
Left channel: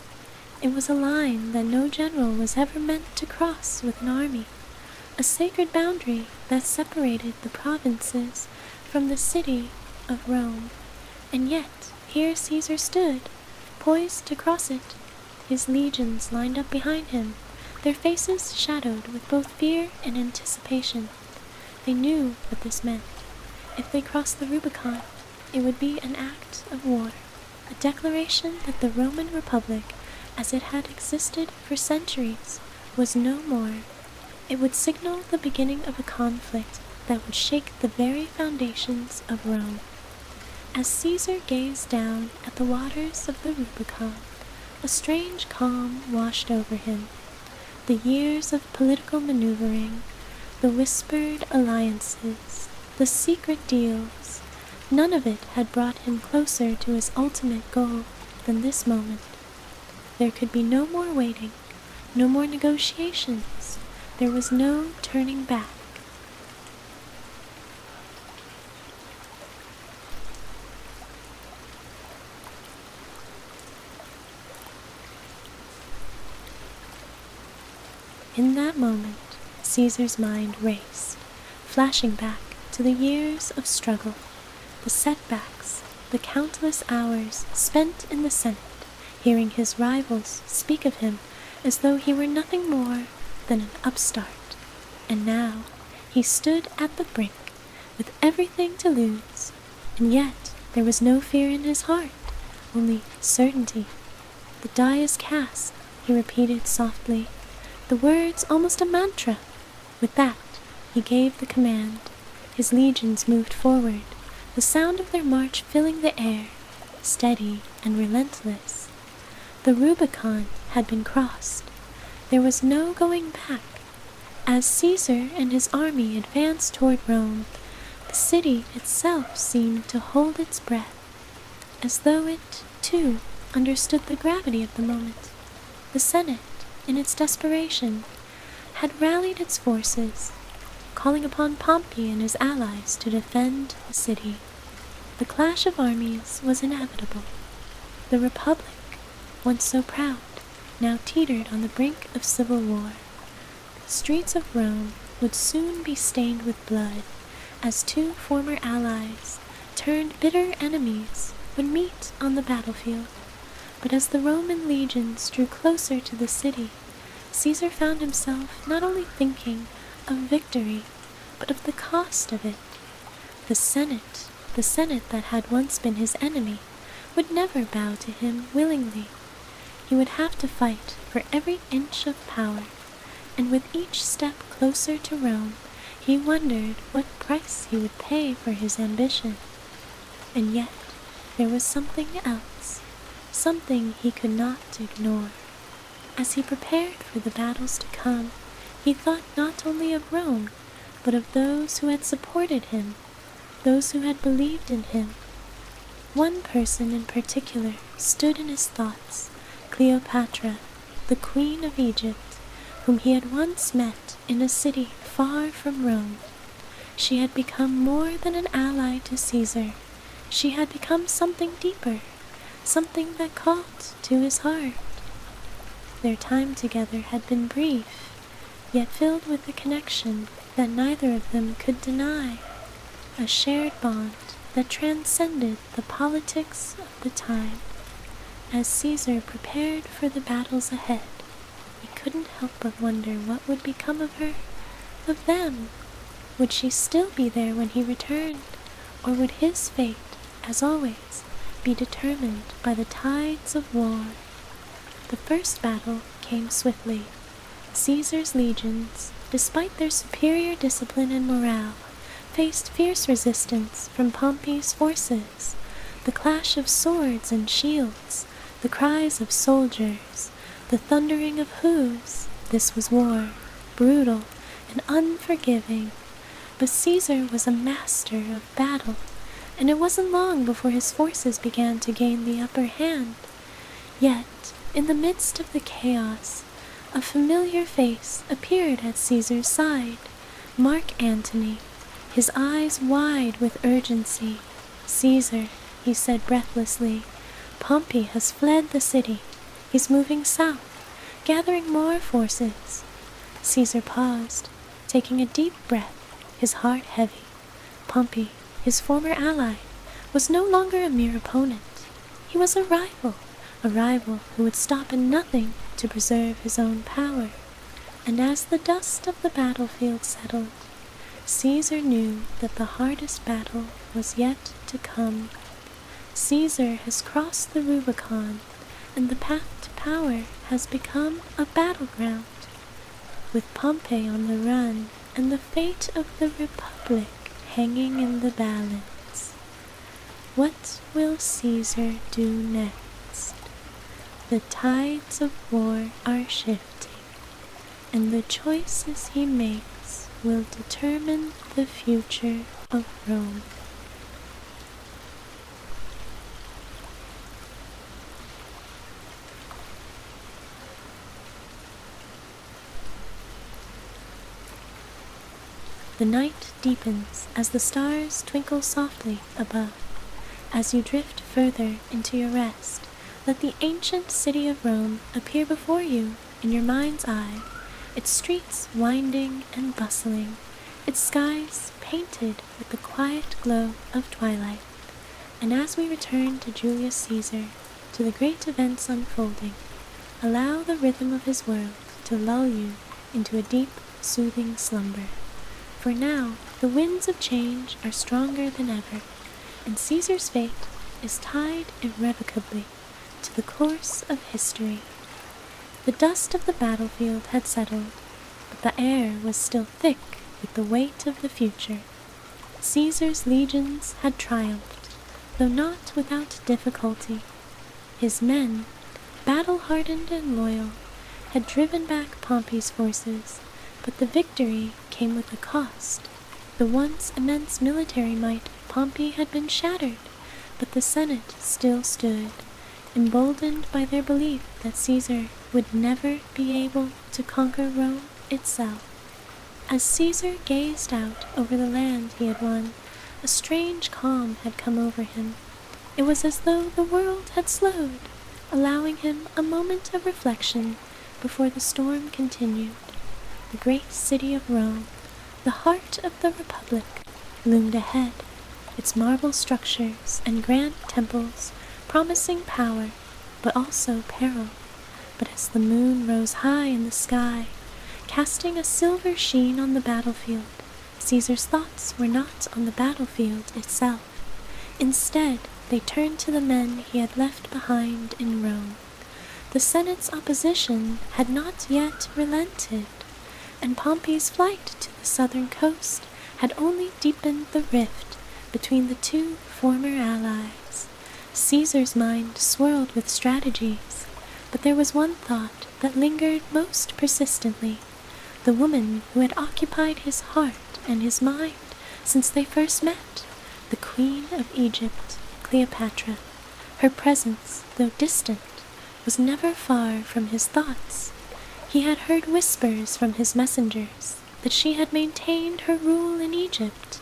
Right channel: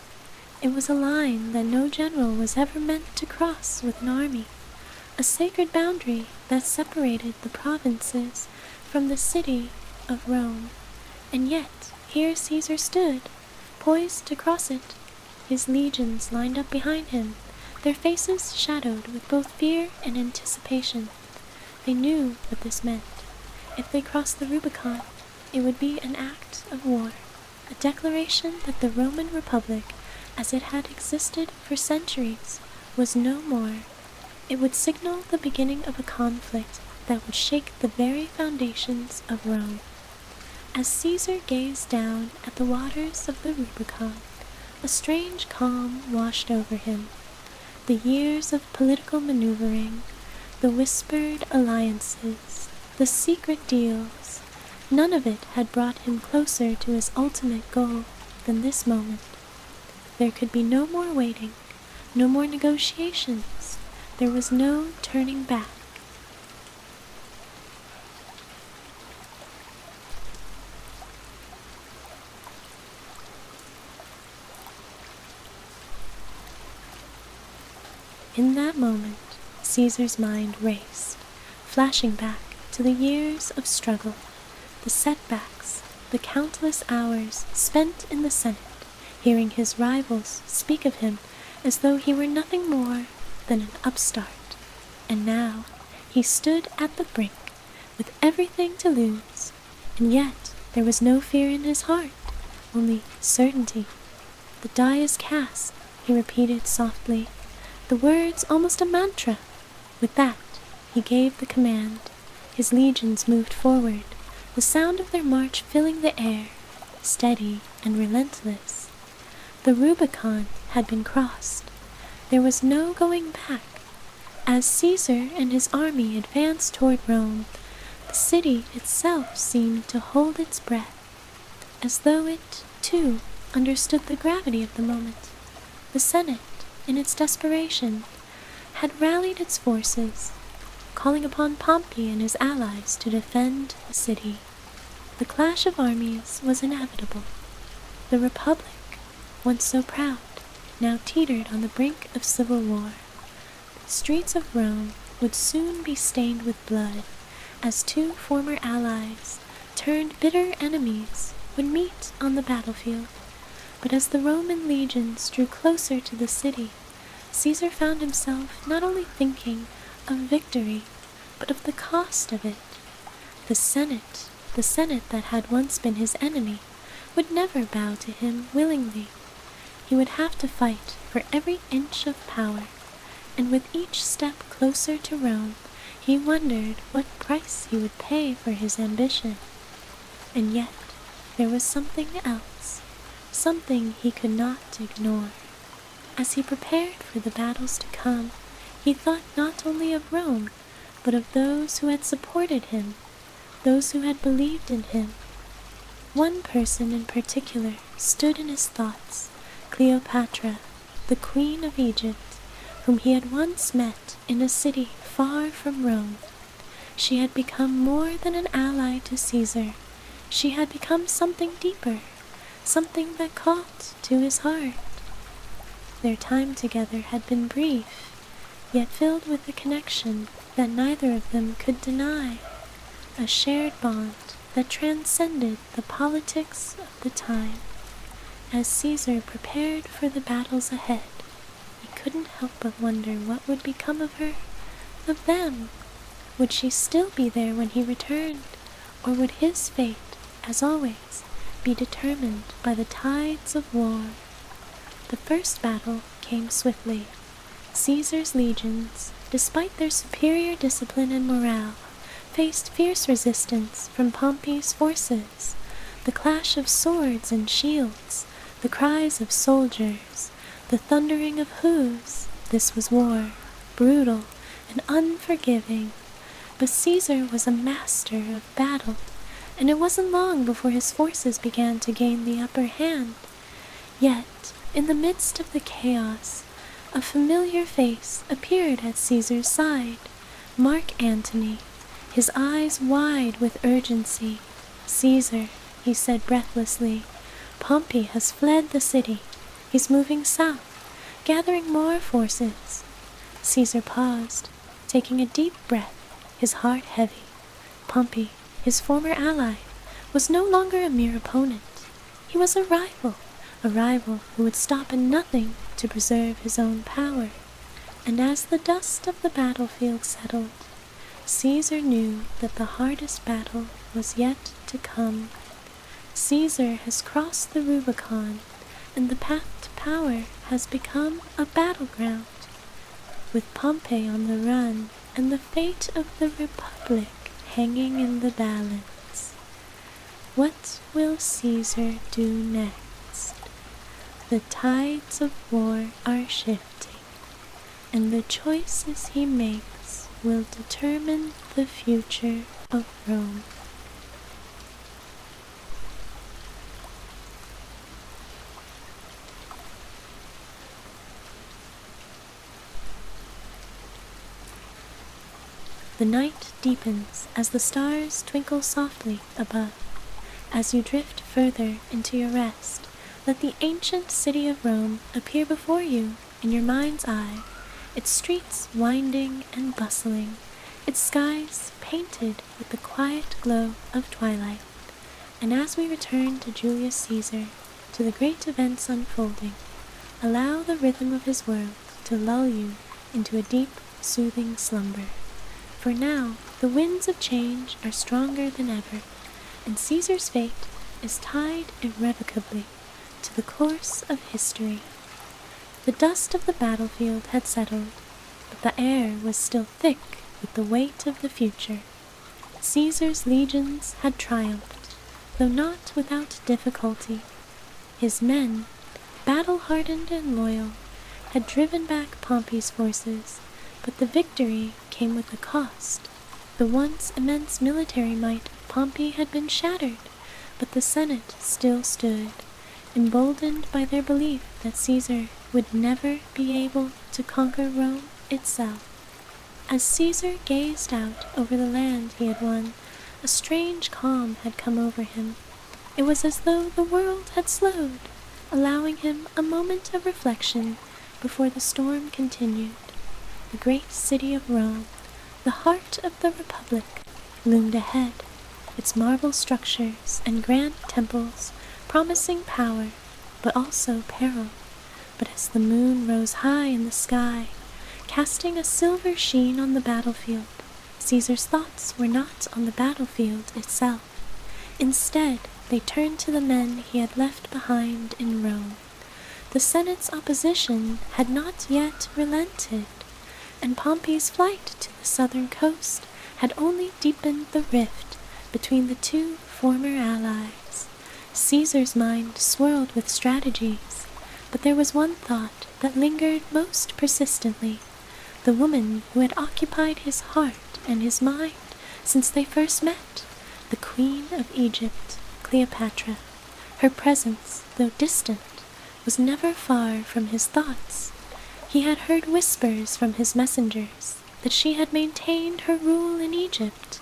It was a line that no general was ever meant to cross with an army, a sacred boundary that separated the provinces from the city of Rome. And yet, here Caesar stood, poised to cross it, his legions lined up behind him, their faces shadowed with both fear and anticipation. They knew what this meant. If they crossed the Rubicon, it would be an act of war, a declaration that the Roman Republic, as it had existed for centuries, was no more. It would signal the beginning of a conflict that would shake the very foundations of Rome. As Caesar gazed down at the waters of the Rubicon, a strange calm washed over him. The years of political maneuvering, the whispered alliances, the secret deals, none of it had brought him closer to his ultimate goal than this moment. There could be no more waiting, no more negotiations. There was no turning back. In that moment, Caesar's mind raced, flashing back to the years of struggle, the setbacks, the countless hours spent in the Senate, hearing his rivals speak of him as though he were nothing more than an upstart. And now he stood at the brink, with everything to lose, and yet there was no fear in his heart, only certainty. The die is cast, he repeated softly, the words almost a mantra. With that, he gave the command. His legions moved forward, the sound of their march filling the air, steady and relentless. The Rubicon had been crossed. There was no going back. As Caesar and his army advanced toward Rome, the city itself seemed to hold its breath, as though it, too, understood the gravity of the moment. The Senate, in its desperation, had rallied its forces, calling upon Pompey and his allies to defend the city. The clash of armies was inevitable. The Republic, once so proud, now teetered on the brink of civil war. The streets of Rome would soon be stained with blood, as two former allies, turned bitter enemies, would meet on the battlefield. But as the Roman legions drew closer to the city, Caesar found himself not only thinking of victory, but of the cost of it. The Senate that had once been his enemy, would never bow to him willingly. He would have to fight for every inch of power, and with each step closer to Rome, he wondered what price he would pay for his ambition. And yet, there was something else, something he could not ignore. As he prepared for the battles to come, he thought not only of Rome, but of those who had supported him, those who had believed in him. One person in particular stood in his thoughts, Cleopatra, the Queen of Egypt, whom he had once met in a city far from Rome. She had become more than an ally to Caesar. She had become something deeper, something that called to his heart. Their time together had been brief, yet filled with a connection that neither of them could deny, a shared bond that transcended the politics of the time. As Caesar prepared for the battles ahead, he couldn't help but wonder what would become of her, of them. Would she still be there when he returned, or would his fate, as always, be determined by the tides of war? The first battle came swiftly. Caesar's legions, despite their superior discipline and morale, faced fierce resistance from Pompey's forces. The clash of swords and shields, the cries of soldiers, the thundering of hooves. This was war, brutal and unforgiving. But Caesar was a master of battle, and it wasn't long before his forces began to gain the upper hand. Yet, in the midst of the chaos, a familiar face appeared at Caesar's side, Mark Antony, his eyes wide with urgency. "Caesar," he said breathlessly, "Pompey has fled the city. He's moving south, gathering more forces." Caesar paused, taking a deep breath, his heart heavy. Pompey, his former ally, was no longer a mere opponent. He was a rival who would stop at nothing to preserve his own power. And as the dust of the battlefield settled, Caesar knew that the hardest battle was yet to come. Caesar has crossed the Rubicon, and the path to power has become a battleground. With Pompey on the run and the fate of the Republic hanging in the balance, what will Caesar do next? The tides of war are shifting, and the choices he makes will determine the future of Rome. The night deepens as the stars twinkle softly above. As you drift further into your rest, let the ancient city of Rome appear before you in your mind's eye, its streets winding and bustling, its skies painted with the quiet glow of twilight. And as we return to Julius Caesar, to the great events unfolding, allow the rhythm of his world to lull you into a deep, soothing slumber. For now, the winds of change are stronger than ever, and Caesar's fate is tied irrevocably to the course of history. The dust of the battlefield had settled, but the air was still thick with the weight of the future. Caesar's legions had triumphed, though not without difficulty. His men, battle-hardened and loyal, had driven back Pompey's forces, but the victory came with a cost. The once immense military might of Pompey had been shattered, but the Senate still stood, emboldened by their belief that Caesar would never be able to conquer Rome itself. As Caesar gazed out over the land he had won, a strange calm had come over him. It was as though the world had slowed, allowing him a moment of reflection before the storm continued. The great city of Rome, the heart of the Republic, loomed ahead, its marble structures and grand temples promising power, but also peril. But as the moon rose high in the sky, casting a silver sheen on the battlefield, Caesar's thoughts were not on the battlefield itself. Instead, they turned to the men he had left behind in Rome. The Senate's opposition had not yet relented, and Pompey's flight to the southern coast had only deepened the rift between the two former allies. Caesar's mind swirled with strategies, but there was one thought that lingered most persistently, the woman who had occupied his heart and his mind since they first met, the Queen of Egypt, Cleopatra. Her presence, though distant, was never far from his thoughts. He had heard whispers from his messengers that she had maintained her rule in Egypt,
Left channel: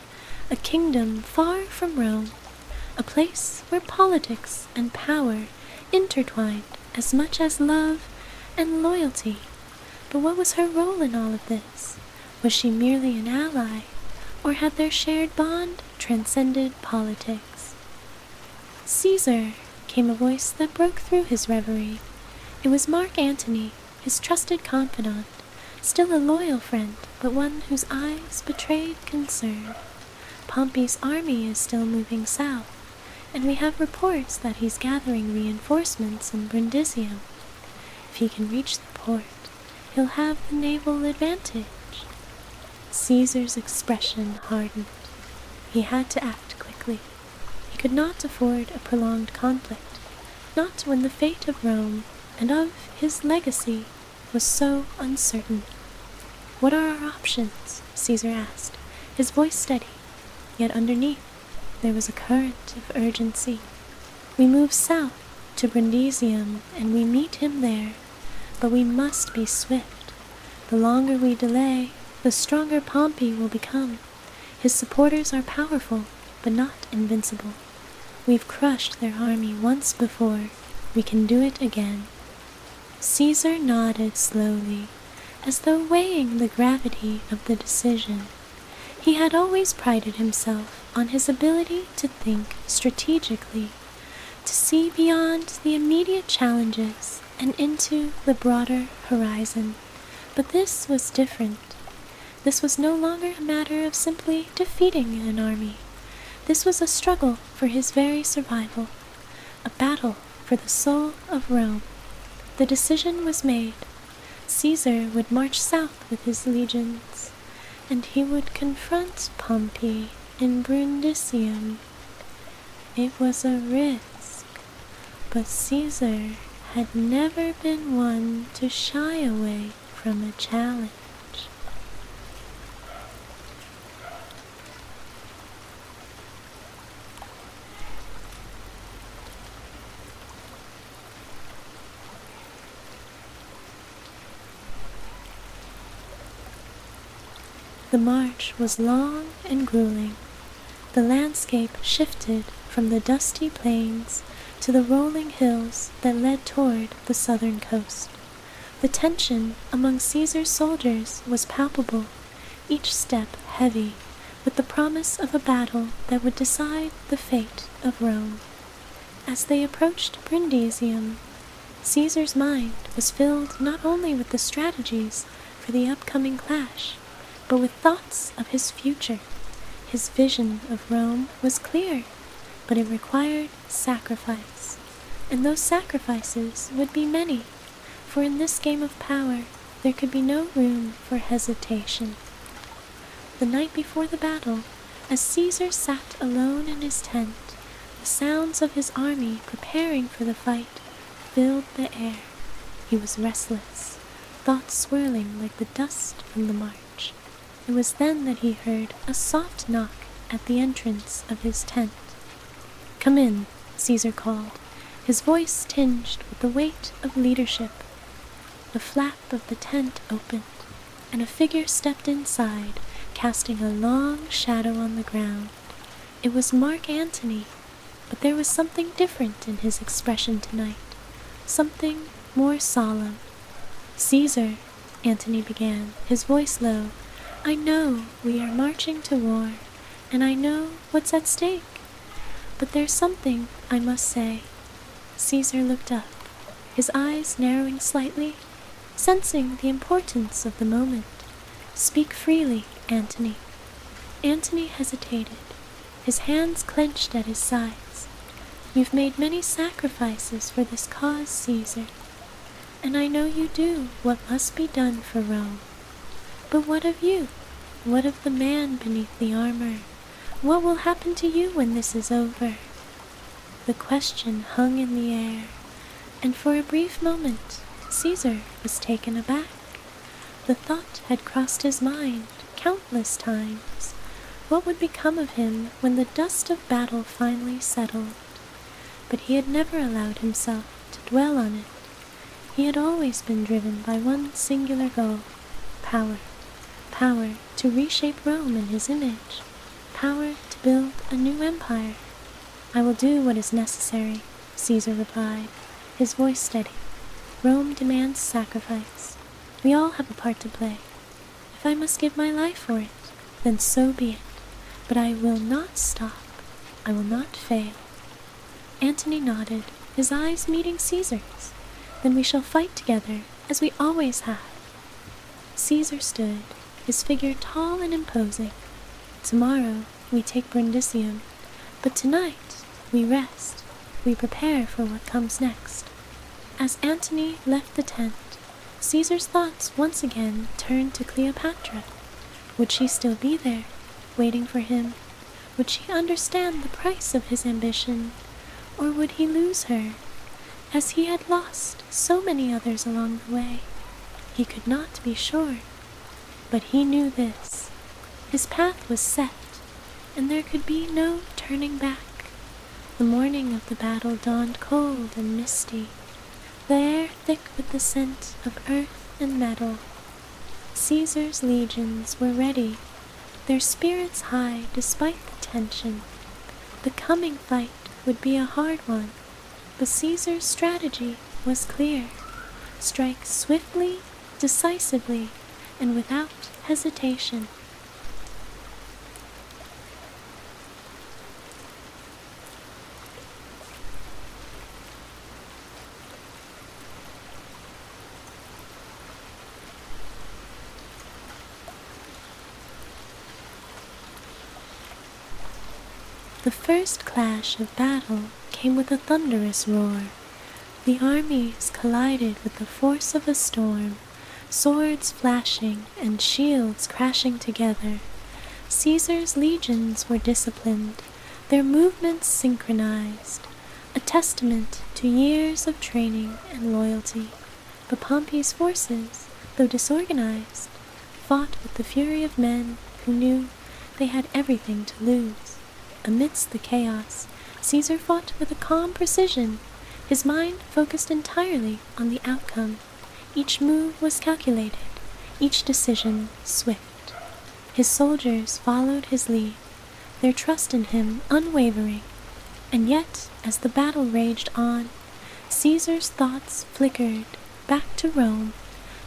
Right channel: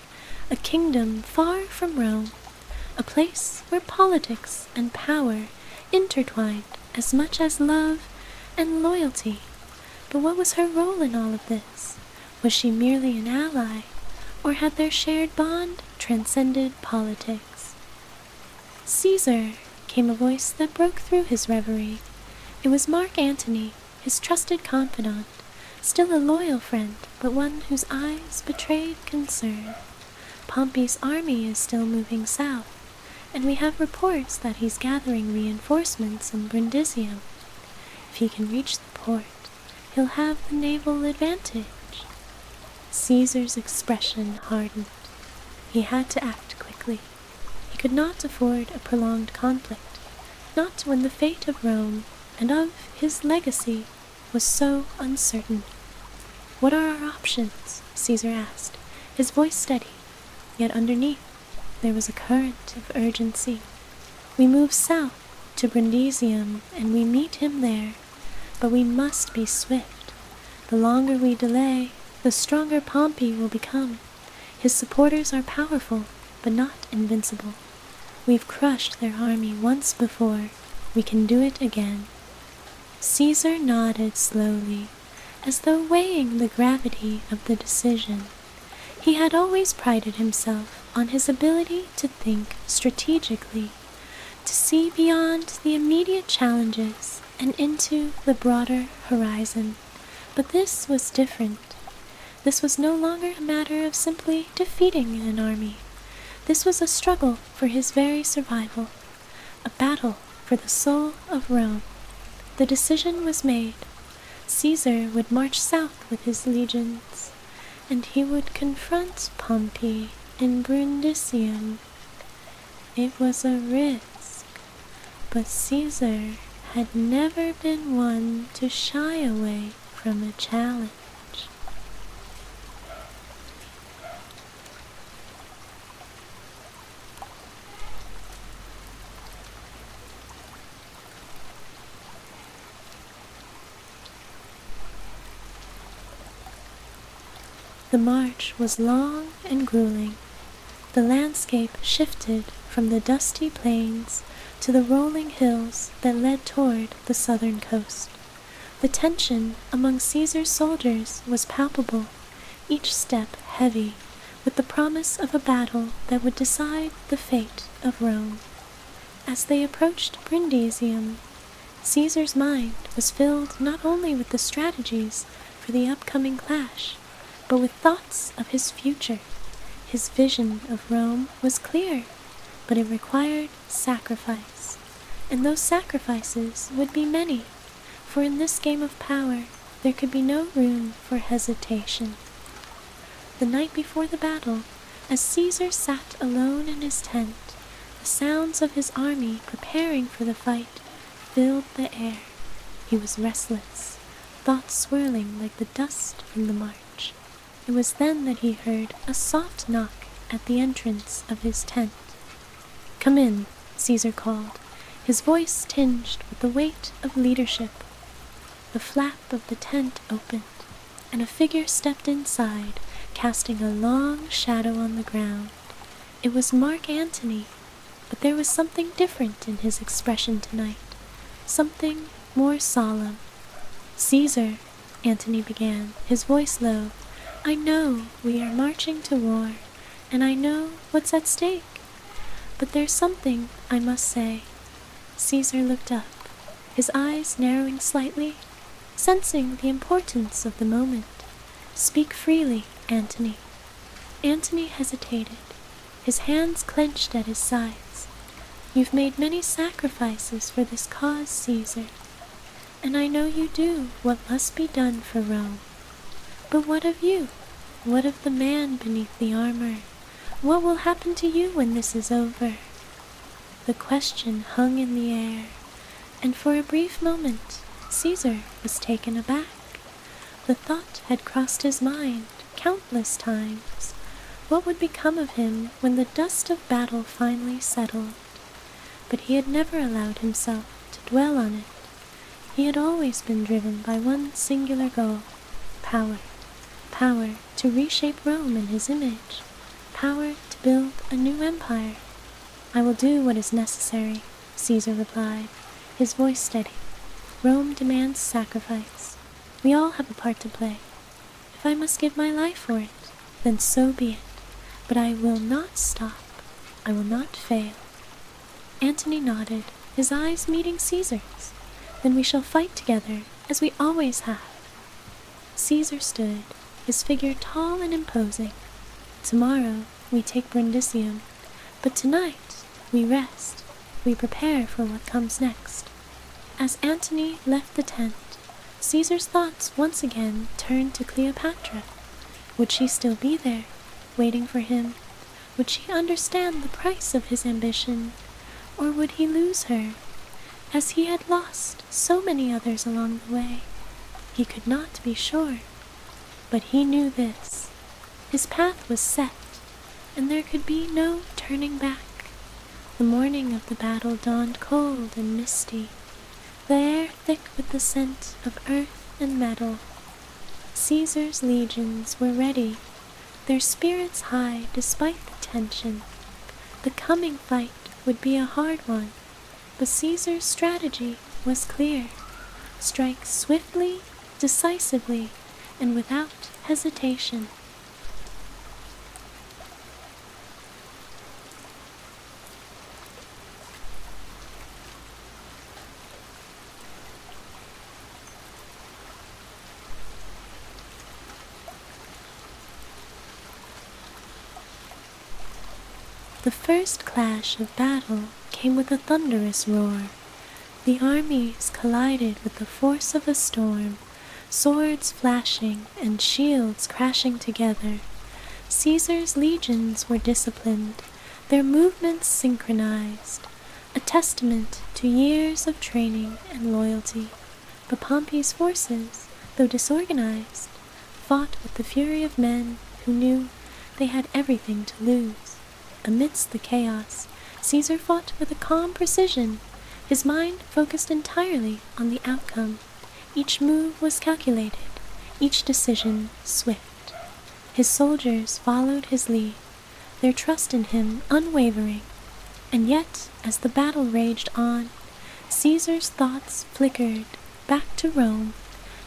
a kingdom far from Rome, a place where politics and power intertwined as much as love and loyalty. But what was her role in all of this? Was she merely an ally, or had their shared bond transcended politics? "Caesar," came a voice that broke through his reverie. It was Mark Antony, his trusted confidant, still a loyal friend, but one whose eyes betrayed concern. "Pompey's army is still moving south, and we have reports that he's gathering reinforcements in Brundisium. If he can reach the port, he'll have the naval advantage." Caesar's expression hardened. He had to act quickly. He could not afford a prolonged conflict, not when the fate of Rome and of his legacy was so uncertain. "What are our options?" Caesar asked, his voice steady, yet underneath there was a current of urgency. "We move south to Brundisium, and we meet him there, but we must be swift. The longer we delay, the stronger Pompey will become. His supporters are powerful, but not invincible. We've crushed their army once before. We can do it again." Caesar nodded slowly, as though weighing the gravity of the decision. He had always prided himself on his ability to think strategically, to see beyond the immediate challenges and into the broader horizon. But this was different. This was no longer a matter of simply defeating an army. This was a struggle for his very survival, a battle for the soul of Rome. The decision was made. Caesar would march south with his legions, and he would confront Pompey in Brundisium. It was a risk, but Caesar had never been one to shy away from a challenge. The march was long and grueling. The landscape shifted from the dusty plains to the rolling hills that led toward the southern coast. The tension among Caesar's soldiers was palpable, each step heavy with the promise of a battle that would decide the fate of Rome. As they approached Brundisium, Caesar's mind was filled not only with the strategies for the upcoming clash, but with thoughts of his future. His vision of Rome was clear, but it required sacrifice, and those sacrifices would be many, for in this game of power there could be no room for hesitation. The night before the battle, as Caesar sat alone in his tent, the sounds of his army preparing for the fight filled the air. He was restless, thoughts swirling like the dust from the march. It was then that he heard a soft knock at the entrance of his tent. "Come in," Caesar called, his voice tinged with the weight of leadership. The flap of the tent opened, and a figure stepped inside, casting a long shadow on the ground. It was Mark Antony, but there was something different in his expression tonight, something more solemn. "Caesar," Antony began, his voice low, "I know we are marching to war, and I know what's at stake. But there's something I must say." Caesar looked up, his eyes narrowing slightly, sensing the importance of the moment. "Speak freely, Antony." Antony hesitated, his hands clenched at his sides. "You've made many sacrifices for this cause, Caesar, and I know you do what must be done for Rome. But what of you? What of the man beneath the armor? What will happen to you when this is over?" The question hung in the air, and for a brief moment Caesar was taken aback. The thought had crossed his mind countless times. What would become of him when the dust of battle finally settled? But he had never allowed himself to dwell on it. He had always been driven by one singular goal: power. Power to reshape Rome in his image. Power to build a new empire. "I will do what is necessary," Caesar replied, his voice steady. "Rome demands sacrifice. We all have a part to play. If I must give my life for it, then so be it. But I will not stop. I will not fail." Antony nodded, his eyes meeting Caesar's. "Then we shall fight together, as we always have." Caesar stood, his figure tall and imposing. "Tomorrow we take Brundisium, but tonight we rest. We prepare for what comes next." As Antony left the tent, Caesar's thoughts once again turned to Cleopatra. Would she still be there, waiting for him? Would she understand the price of his ambition? Or would he lose her? as he had lost so many others along the way. He could not be sure, but he knew this. His path was set, and there could be no turning back. The morning of the battle dawned cold and misty, the air thick with the scent of earth and metal. Caesar's legions were ready, their spirits high despite the tension. The coming fight would be a hard one, but Caesar's strategy was clear. Strike swiftly, decisively, and without hesitation. The first clash of battle came with a thunderous roar. The armies collided with the force of a storm, swords flashing and shields crashing together. Caesar's legions were disciplined, their movements synchronized, a testament to years of training and loyalty. But Pompey's forces, though disorganized, fought with the fury of men who knew they had everything to lose. Amidst the chaos, Caesar fought with a calm precision, his mind focused entirely on the outcome. Each move was calculated, each decision swift. His soldiers followed his lead, their trust in him unwavering. And yet, as the battle raged on, Caesar's thoughts flickered back to Rome,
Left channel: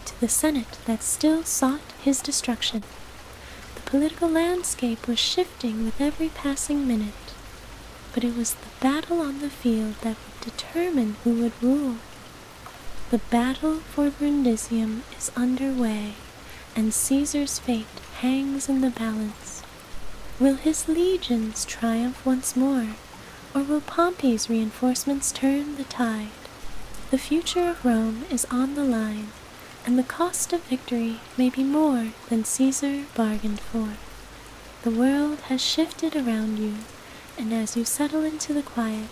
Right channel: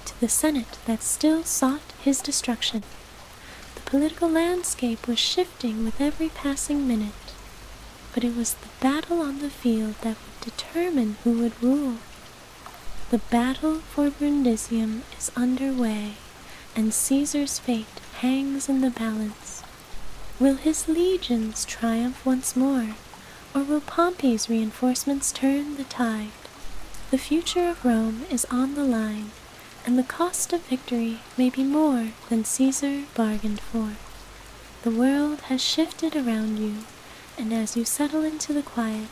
to the Senate that still sought his destruction. The political landscape was shifting with every passing minute, but it was the battle on the field that would determine who would rule. The battle for Brundisium is underway, and Caesar's fate hangs in the balance. Will his legions triumph once more, or will Pompey's reinforcements turn the tide? The future of Rome is on the line, and the cost of victory may be more than Caesar bargained for. The world has shifted around you, and as you settle into the quiet,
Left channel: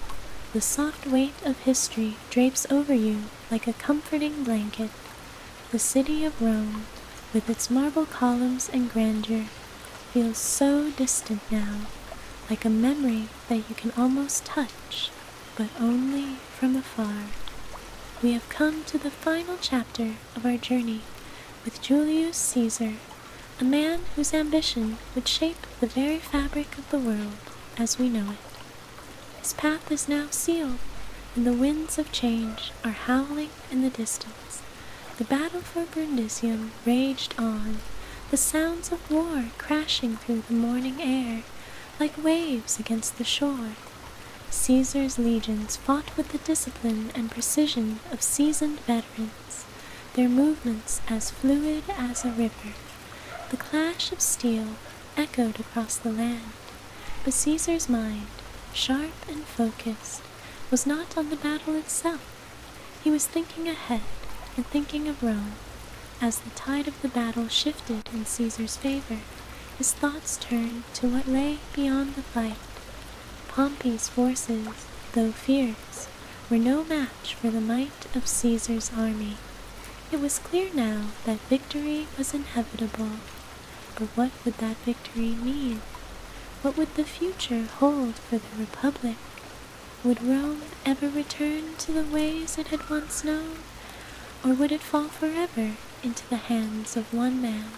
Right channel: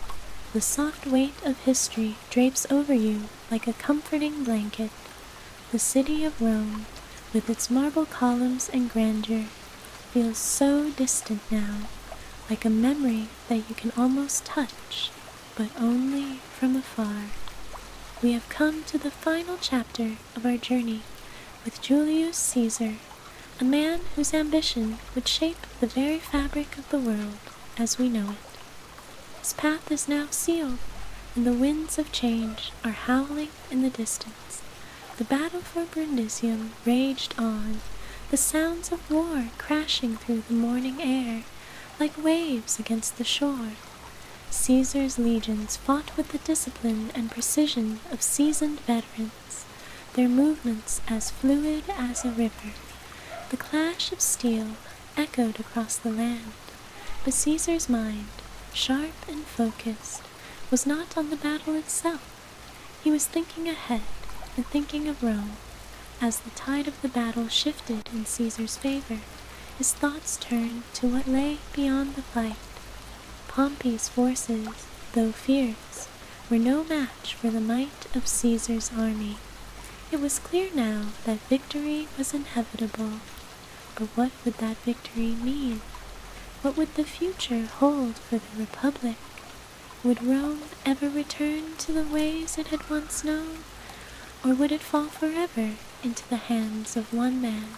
the soft weight of history drapes over you like a comforting blanket. The city of Rome, with its marble columns and grandeur, feels so distant now, like a memory that you can almost touch, but only from afar. We have come to the final chapter of our journey with Julius Caesar, a man whose ambition would shape the very fabric of the world as we know it. His path is now sealed, and the winds of change are howling in the distance. The battle for Brundisium raged on, the sounds of war crashing through the morning air like waves against the shore. Caesar's legions fought with the discipline and precision of seasoned veterans, their movements as fluid as a river. The clash of steel echoed across the land, but Caesar's mind, sharp and focused, was not on the battle itself. He was thinking ahead and thinking of Rome. As the tide of the battle shifted in Caesar's favor, his thoughts turned to what lay beyond the fight. Pompey's forces, though fierce, were no match for the might of Caesar's army. It was clear now that victory was inevitable. But what would that victory mean? What would the future hold for the Republic? Would Rome ever return to the ways it had once known? Or would it fall forever into the hands of one man?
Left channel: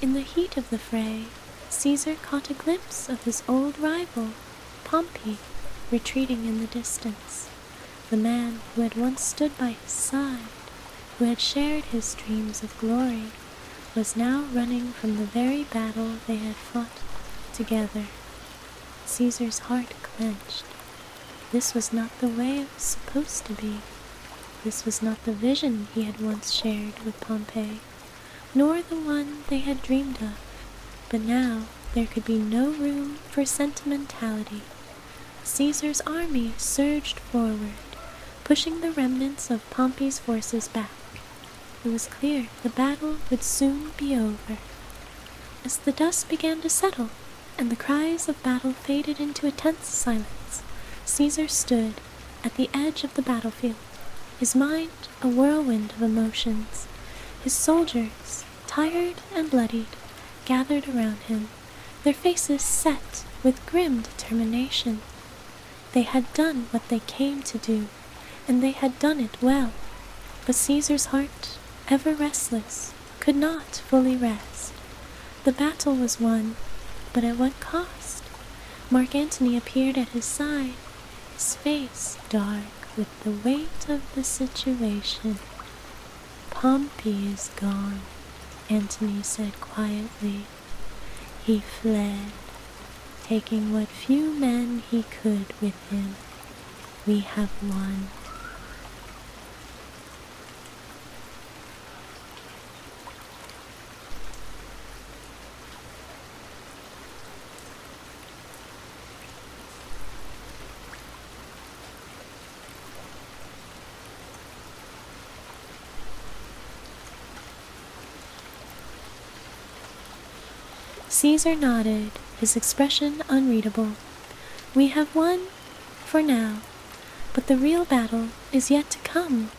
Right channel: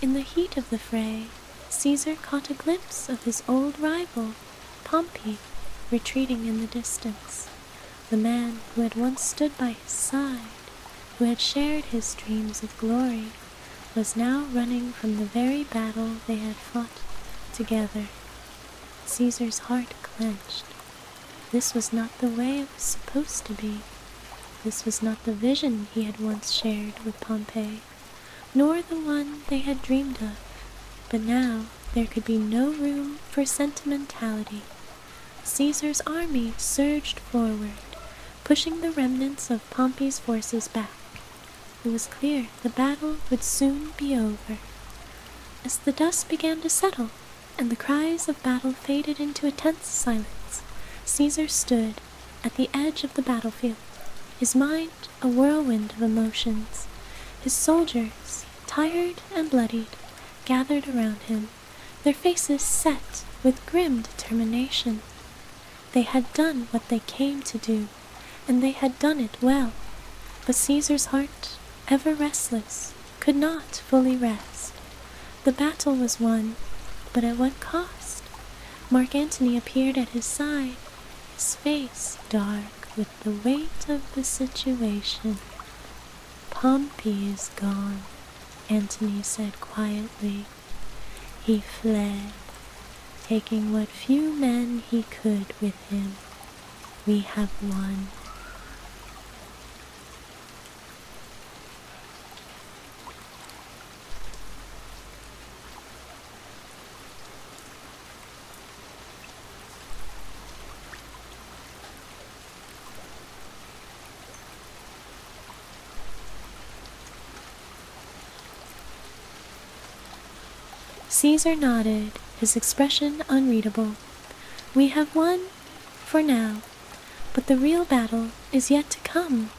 In the heat of the fray, Caesar caught a glimpse of his old rival, Pompey, retreating in the distance. The man who had once stood by his side, who had shared his dreams of glory, was now running from the very battle they had fought together. Caesar's heart clenched. This was not the way it was supposed to be. This was not the vision he had once shared with Pompey, nor the one they had dreamed of. But now there could be no room for sentimentality. Caesar's army surged forward, pushing the remnants of Pompey's forces back. It was clear the battle would soon be over. As the dust began to settle, and the cries of battle faded into a tense silence, Caesar stood, at the edge of the battlefield, his mind a whirlwind of emotions. His soldiers, tired and bloodied, gathered around him, their faces set with grim determination. They had done what they came to do, and they had done it well. But Caesar's heart, ever restless, could not fully rest. The battle was won, but at what cost? Mark Antony appeared at his side, his face dark with the weight of the situation. "Pompey is gone," Antony said quietly. "He fled, taking what few men he could with him. We have won." Caesar nodded, his expression unreadable. "We have won, for now, but the real battle is yet to come.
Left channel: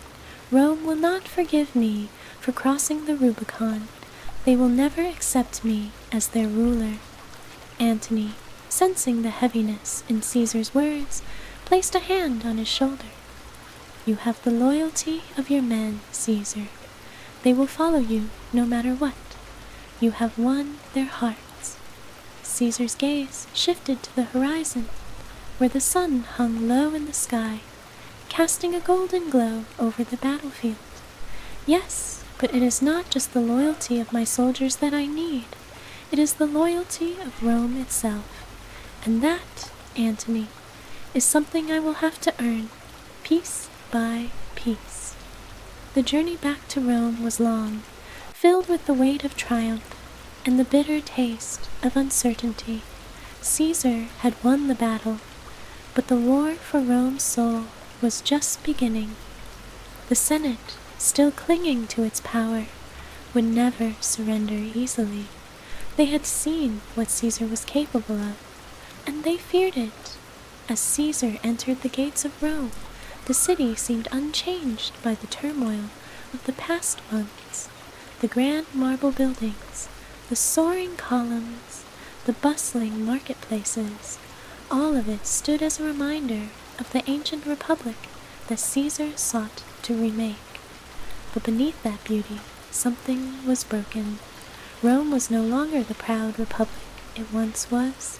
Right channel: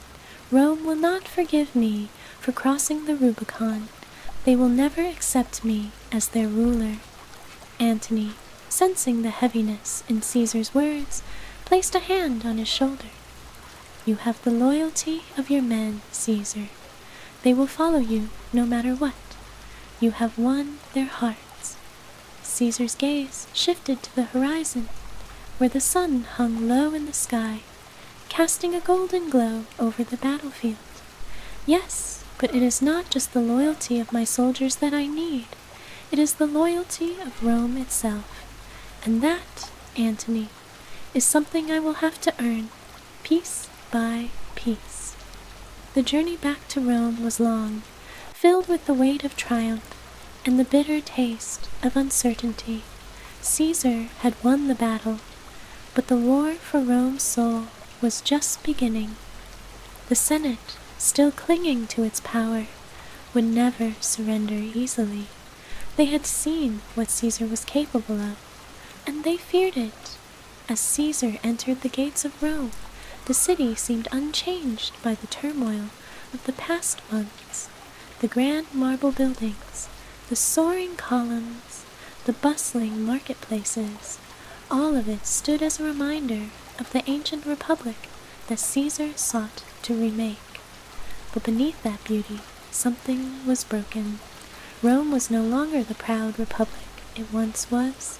Rome will not forgive me for crossing the Rubicon. They will never accept me as their ruler." Antony, sensing the heaviness in Caesar's words, placed a hand on his shoulder. "You have the loyalty of your men, Caesar. They will follow you no matter what. You have won their hearts." Caesar's gaze shifted to the horizon, where the sun hung low in the sky, casting a golden glow over the battlefield. "Yes, but it is not just the loyalty of my soldiers that I need. It is the loyalty of Rome itself. And that, Antony, is something I will have to earn, piece by piece." The journey back to Rome was long, filled with the weight of triumph and the bitter taste of uncertainty. Caesar had won the battle, but the war for Rome's soul was just beginning. The Senate, still clinging to its power, would never surrender easily. They had seen what Caesar was capable of, and they feared it. As Caesar entered the gates of Rome, the city seemed unchanged by the turmoil of the past months. The grand marble buildings, the soaring columns, the bustling marketplaces, all of it stood as a reminder of the ancient republic that Caesar sought to remake. But beneath that beauty, something was broken. Rome was no longer the proud republic it once was.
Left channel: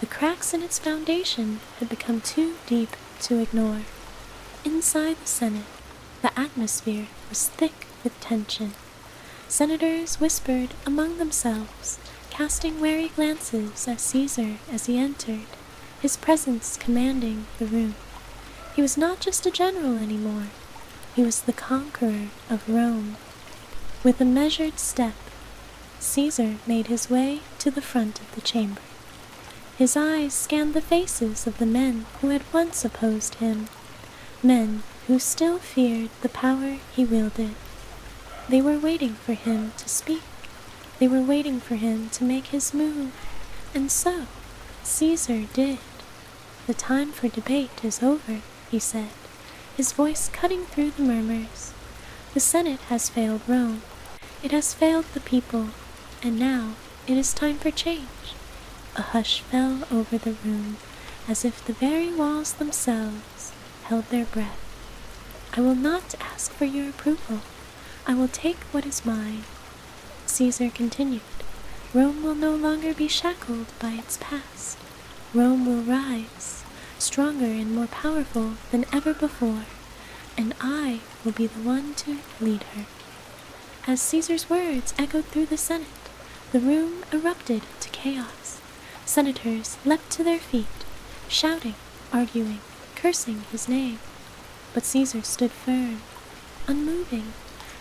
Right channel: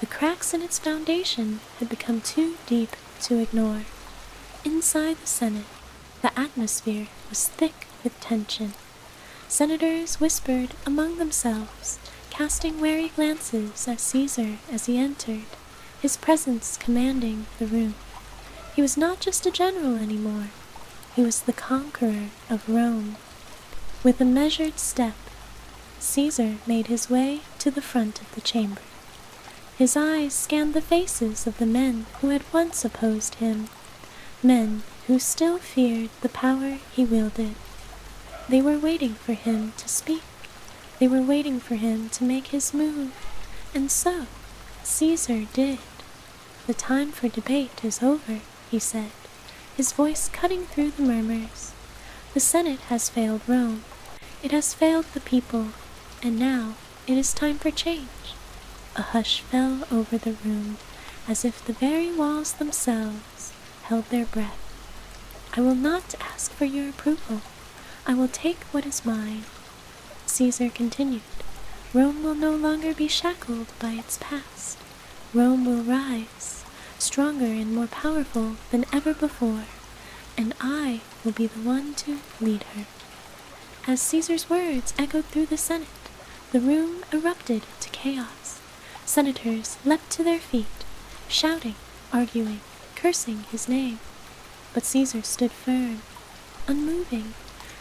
The cracks in its foundation had become too deep to ignore. Inside the Senate, the atmosphere was thick with tension. Senators whispered among themselves, casting wary glances at Caesar as he entered, his presence commanding the room. He was not just a general anymore. He was the conqueror of Rome. With a measured step, Caesar made his way to the front of the chamber. His eyes scanned the faces of the men who had once opposed him, men who still feared the power he wielded. They were waiting for him to speak. They were waiting for him to make his move. And so, Caesar did. "The time for debate is over," he said, his voice cutting through the murmurs. "The Senate has failed Rome. It has failed the people. And now it is time for change." A hush fell over the room, as if the very walls themselves held their breath. "I will not ask for your approval. I will take what is mine." Caesar continued. "Rome will no longer be shackled by its past. Rome will rise, stronger and more powerful than ever before, and I will be the one to lead her." As Caesar's words echoed through the Senate, the room erupted into chaos. Senators leapt to their feet, shouting, arguing, cursing his name. But Caesar stood firm, unmoving,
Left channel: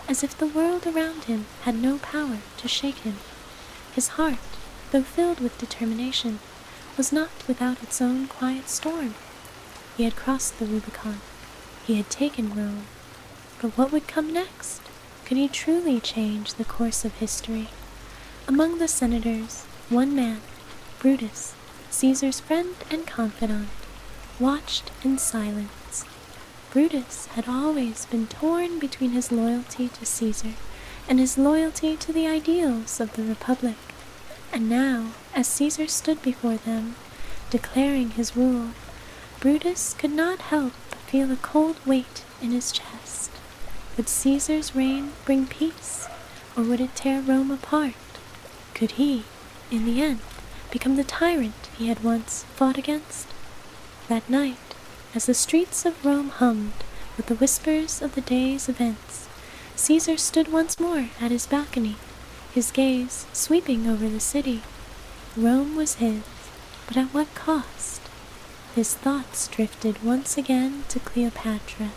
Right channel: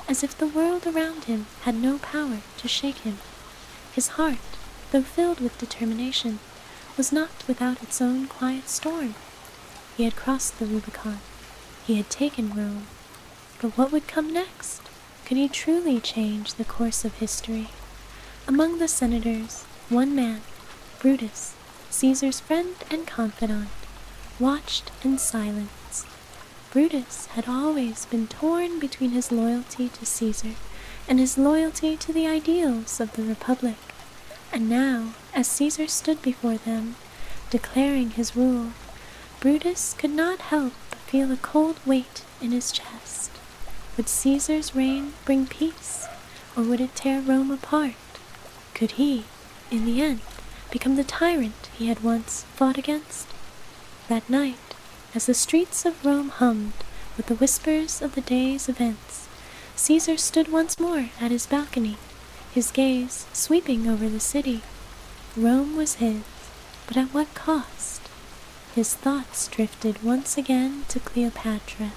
as if the world around him had no power to shake him. His heart, though filled with determination, was not without its own quiet storm. He had crossed the Rubicon. He had taken Rome. But what would come next? Could he truly change the course of history? Among the senators, one man, Brutus, Caesar's friend and confidant, watched in silence. Brutus had always been torn between his loyalty to Caesar and his loyalty to the ideals of the Republic. And now, as Caesar stood before them, declaring his rule, Brutus could not help but feel a cold weight in his chest. Would Caesar's reign bring peace, or would it tear Rome apart? Could he, in the end, become the tyrant he had once fought against? That night, as the streets of Rome hummed with the whispers of the day's events, Caesar stood once more at his balcony, his gaze sweeping over the city. Rome was his, but at what cost? His thoughts drifted once again to Cleopatra.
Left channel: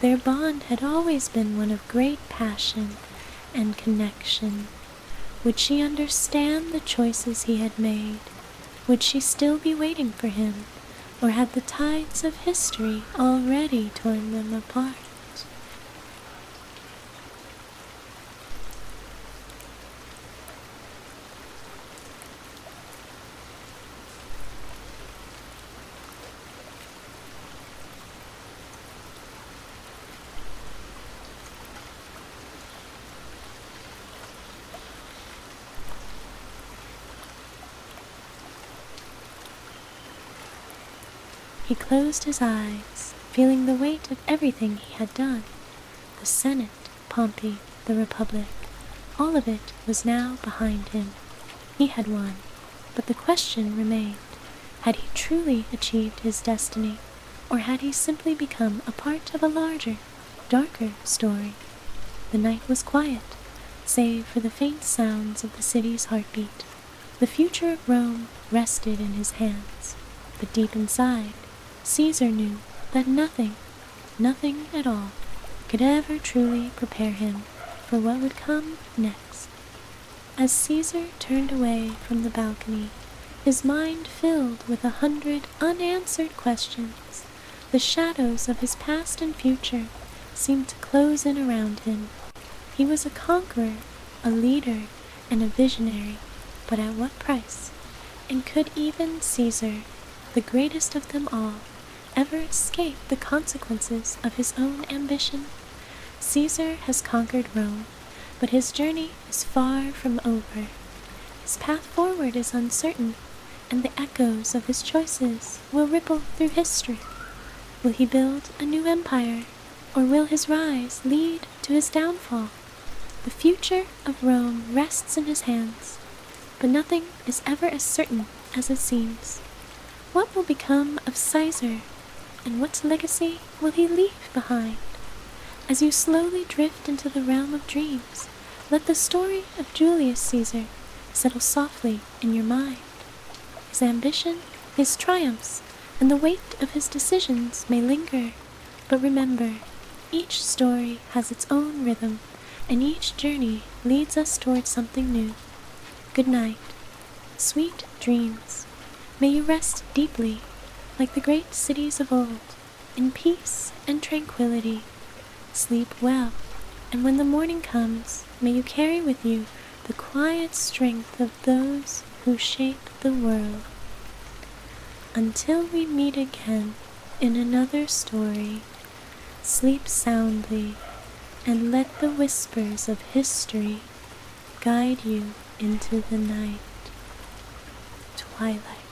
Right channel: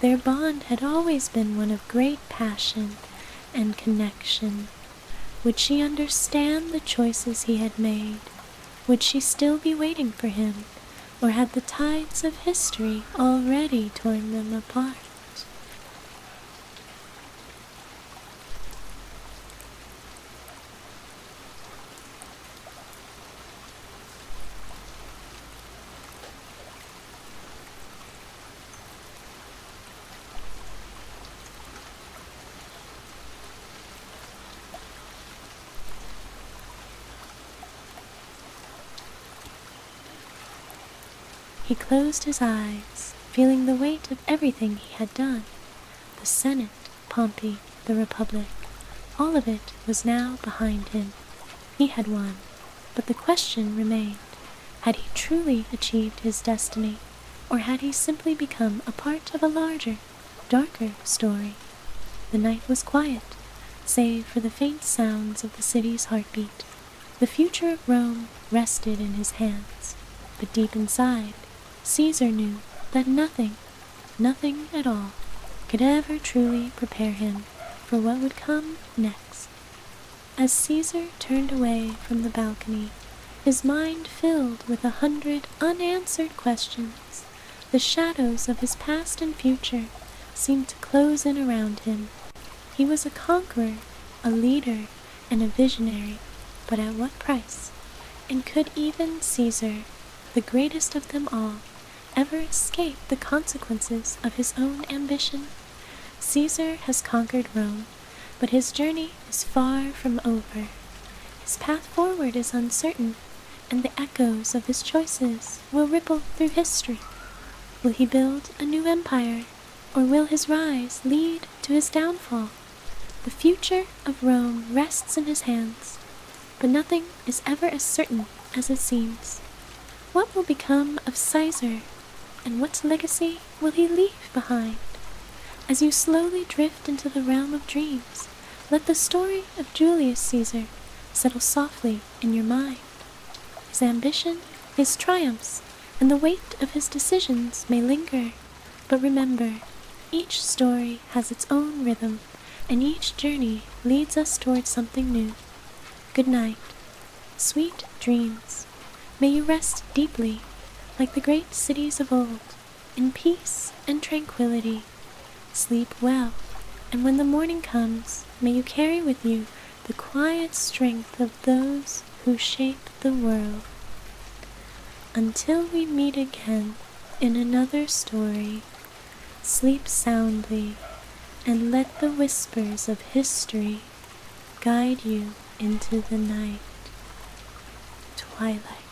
Their bond had always been one of great passion and connection. Would she understand the choices he had made? Would she still be waiting for him, or had the tides of history already torn them apart? He closed his eyes, feeling the weight of everything he had done. The Senate, Pompey, the Republic, all of it was now behind him. He had won, but the question remained, had he truly achieved his destiny, or had he simply become a part of a larger, darker story? The night was quiet, save for the faint sounds of the city's heartbeat. The future of Rome rested in his hands, but deep inside, Caesar knew that nothing at all, could ever truly prepare him for what would come next. As Caesar turned away from the balcony, his mind filled with 100 unanswered questions, the shadows of his past and future seemed to close in around him. He was a conqueror, a leader, and a visionary, but at what price? And could even Caesar, the greatest of them all, ever escape the consequences of his own ambition? Caesar has conquered Rome, but his journey is far from over. His path forward is uncertain, and the echoes of his choices will ripple through history. Will he build a new empire, or will his rise lead to his downfall? The future of Rome rests in his hands, but nothing is ever as certain as it seems. What will become of Caesar, and what legacy will he leave behind? As you slowly drift into the realm of dreams, let the story of Julius Caesar settle softly in your mind. His ambition, his triumphs, and the weight of his decisions may linger, but remember, each story has its own rhythm, and each journey leads us towards something new. Good night. Sweet dreams. May you rest deeply, like the great cities of old, in peace and tranquility. Sleep well, and when the morning comes, may you carry with you the quiet strength of those who shape the world. Until we meet again in another story, sleep soundly, and let the whispers of history guide you into the night. Twilight.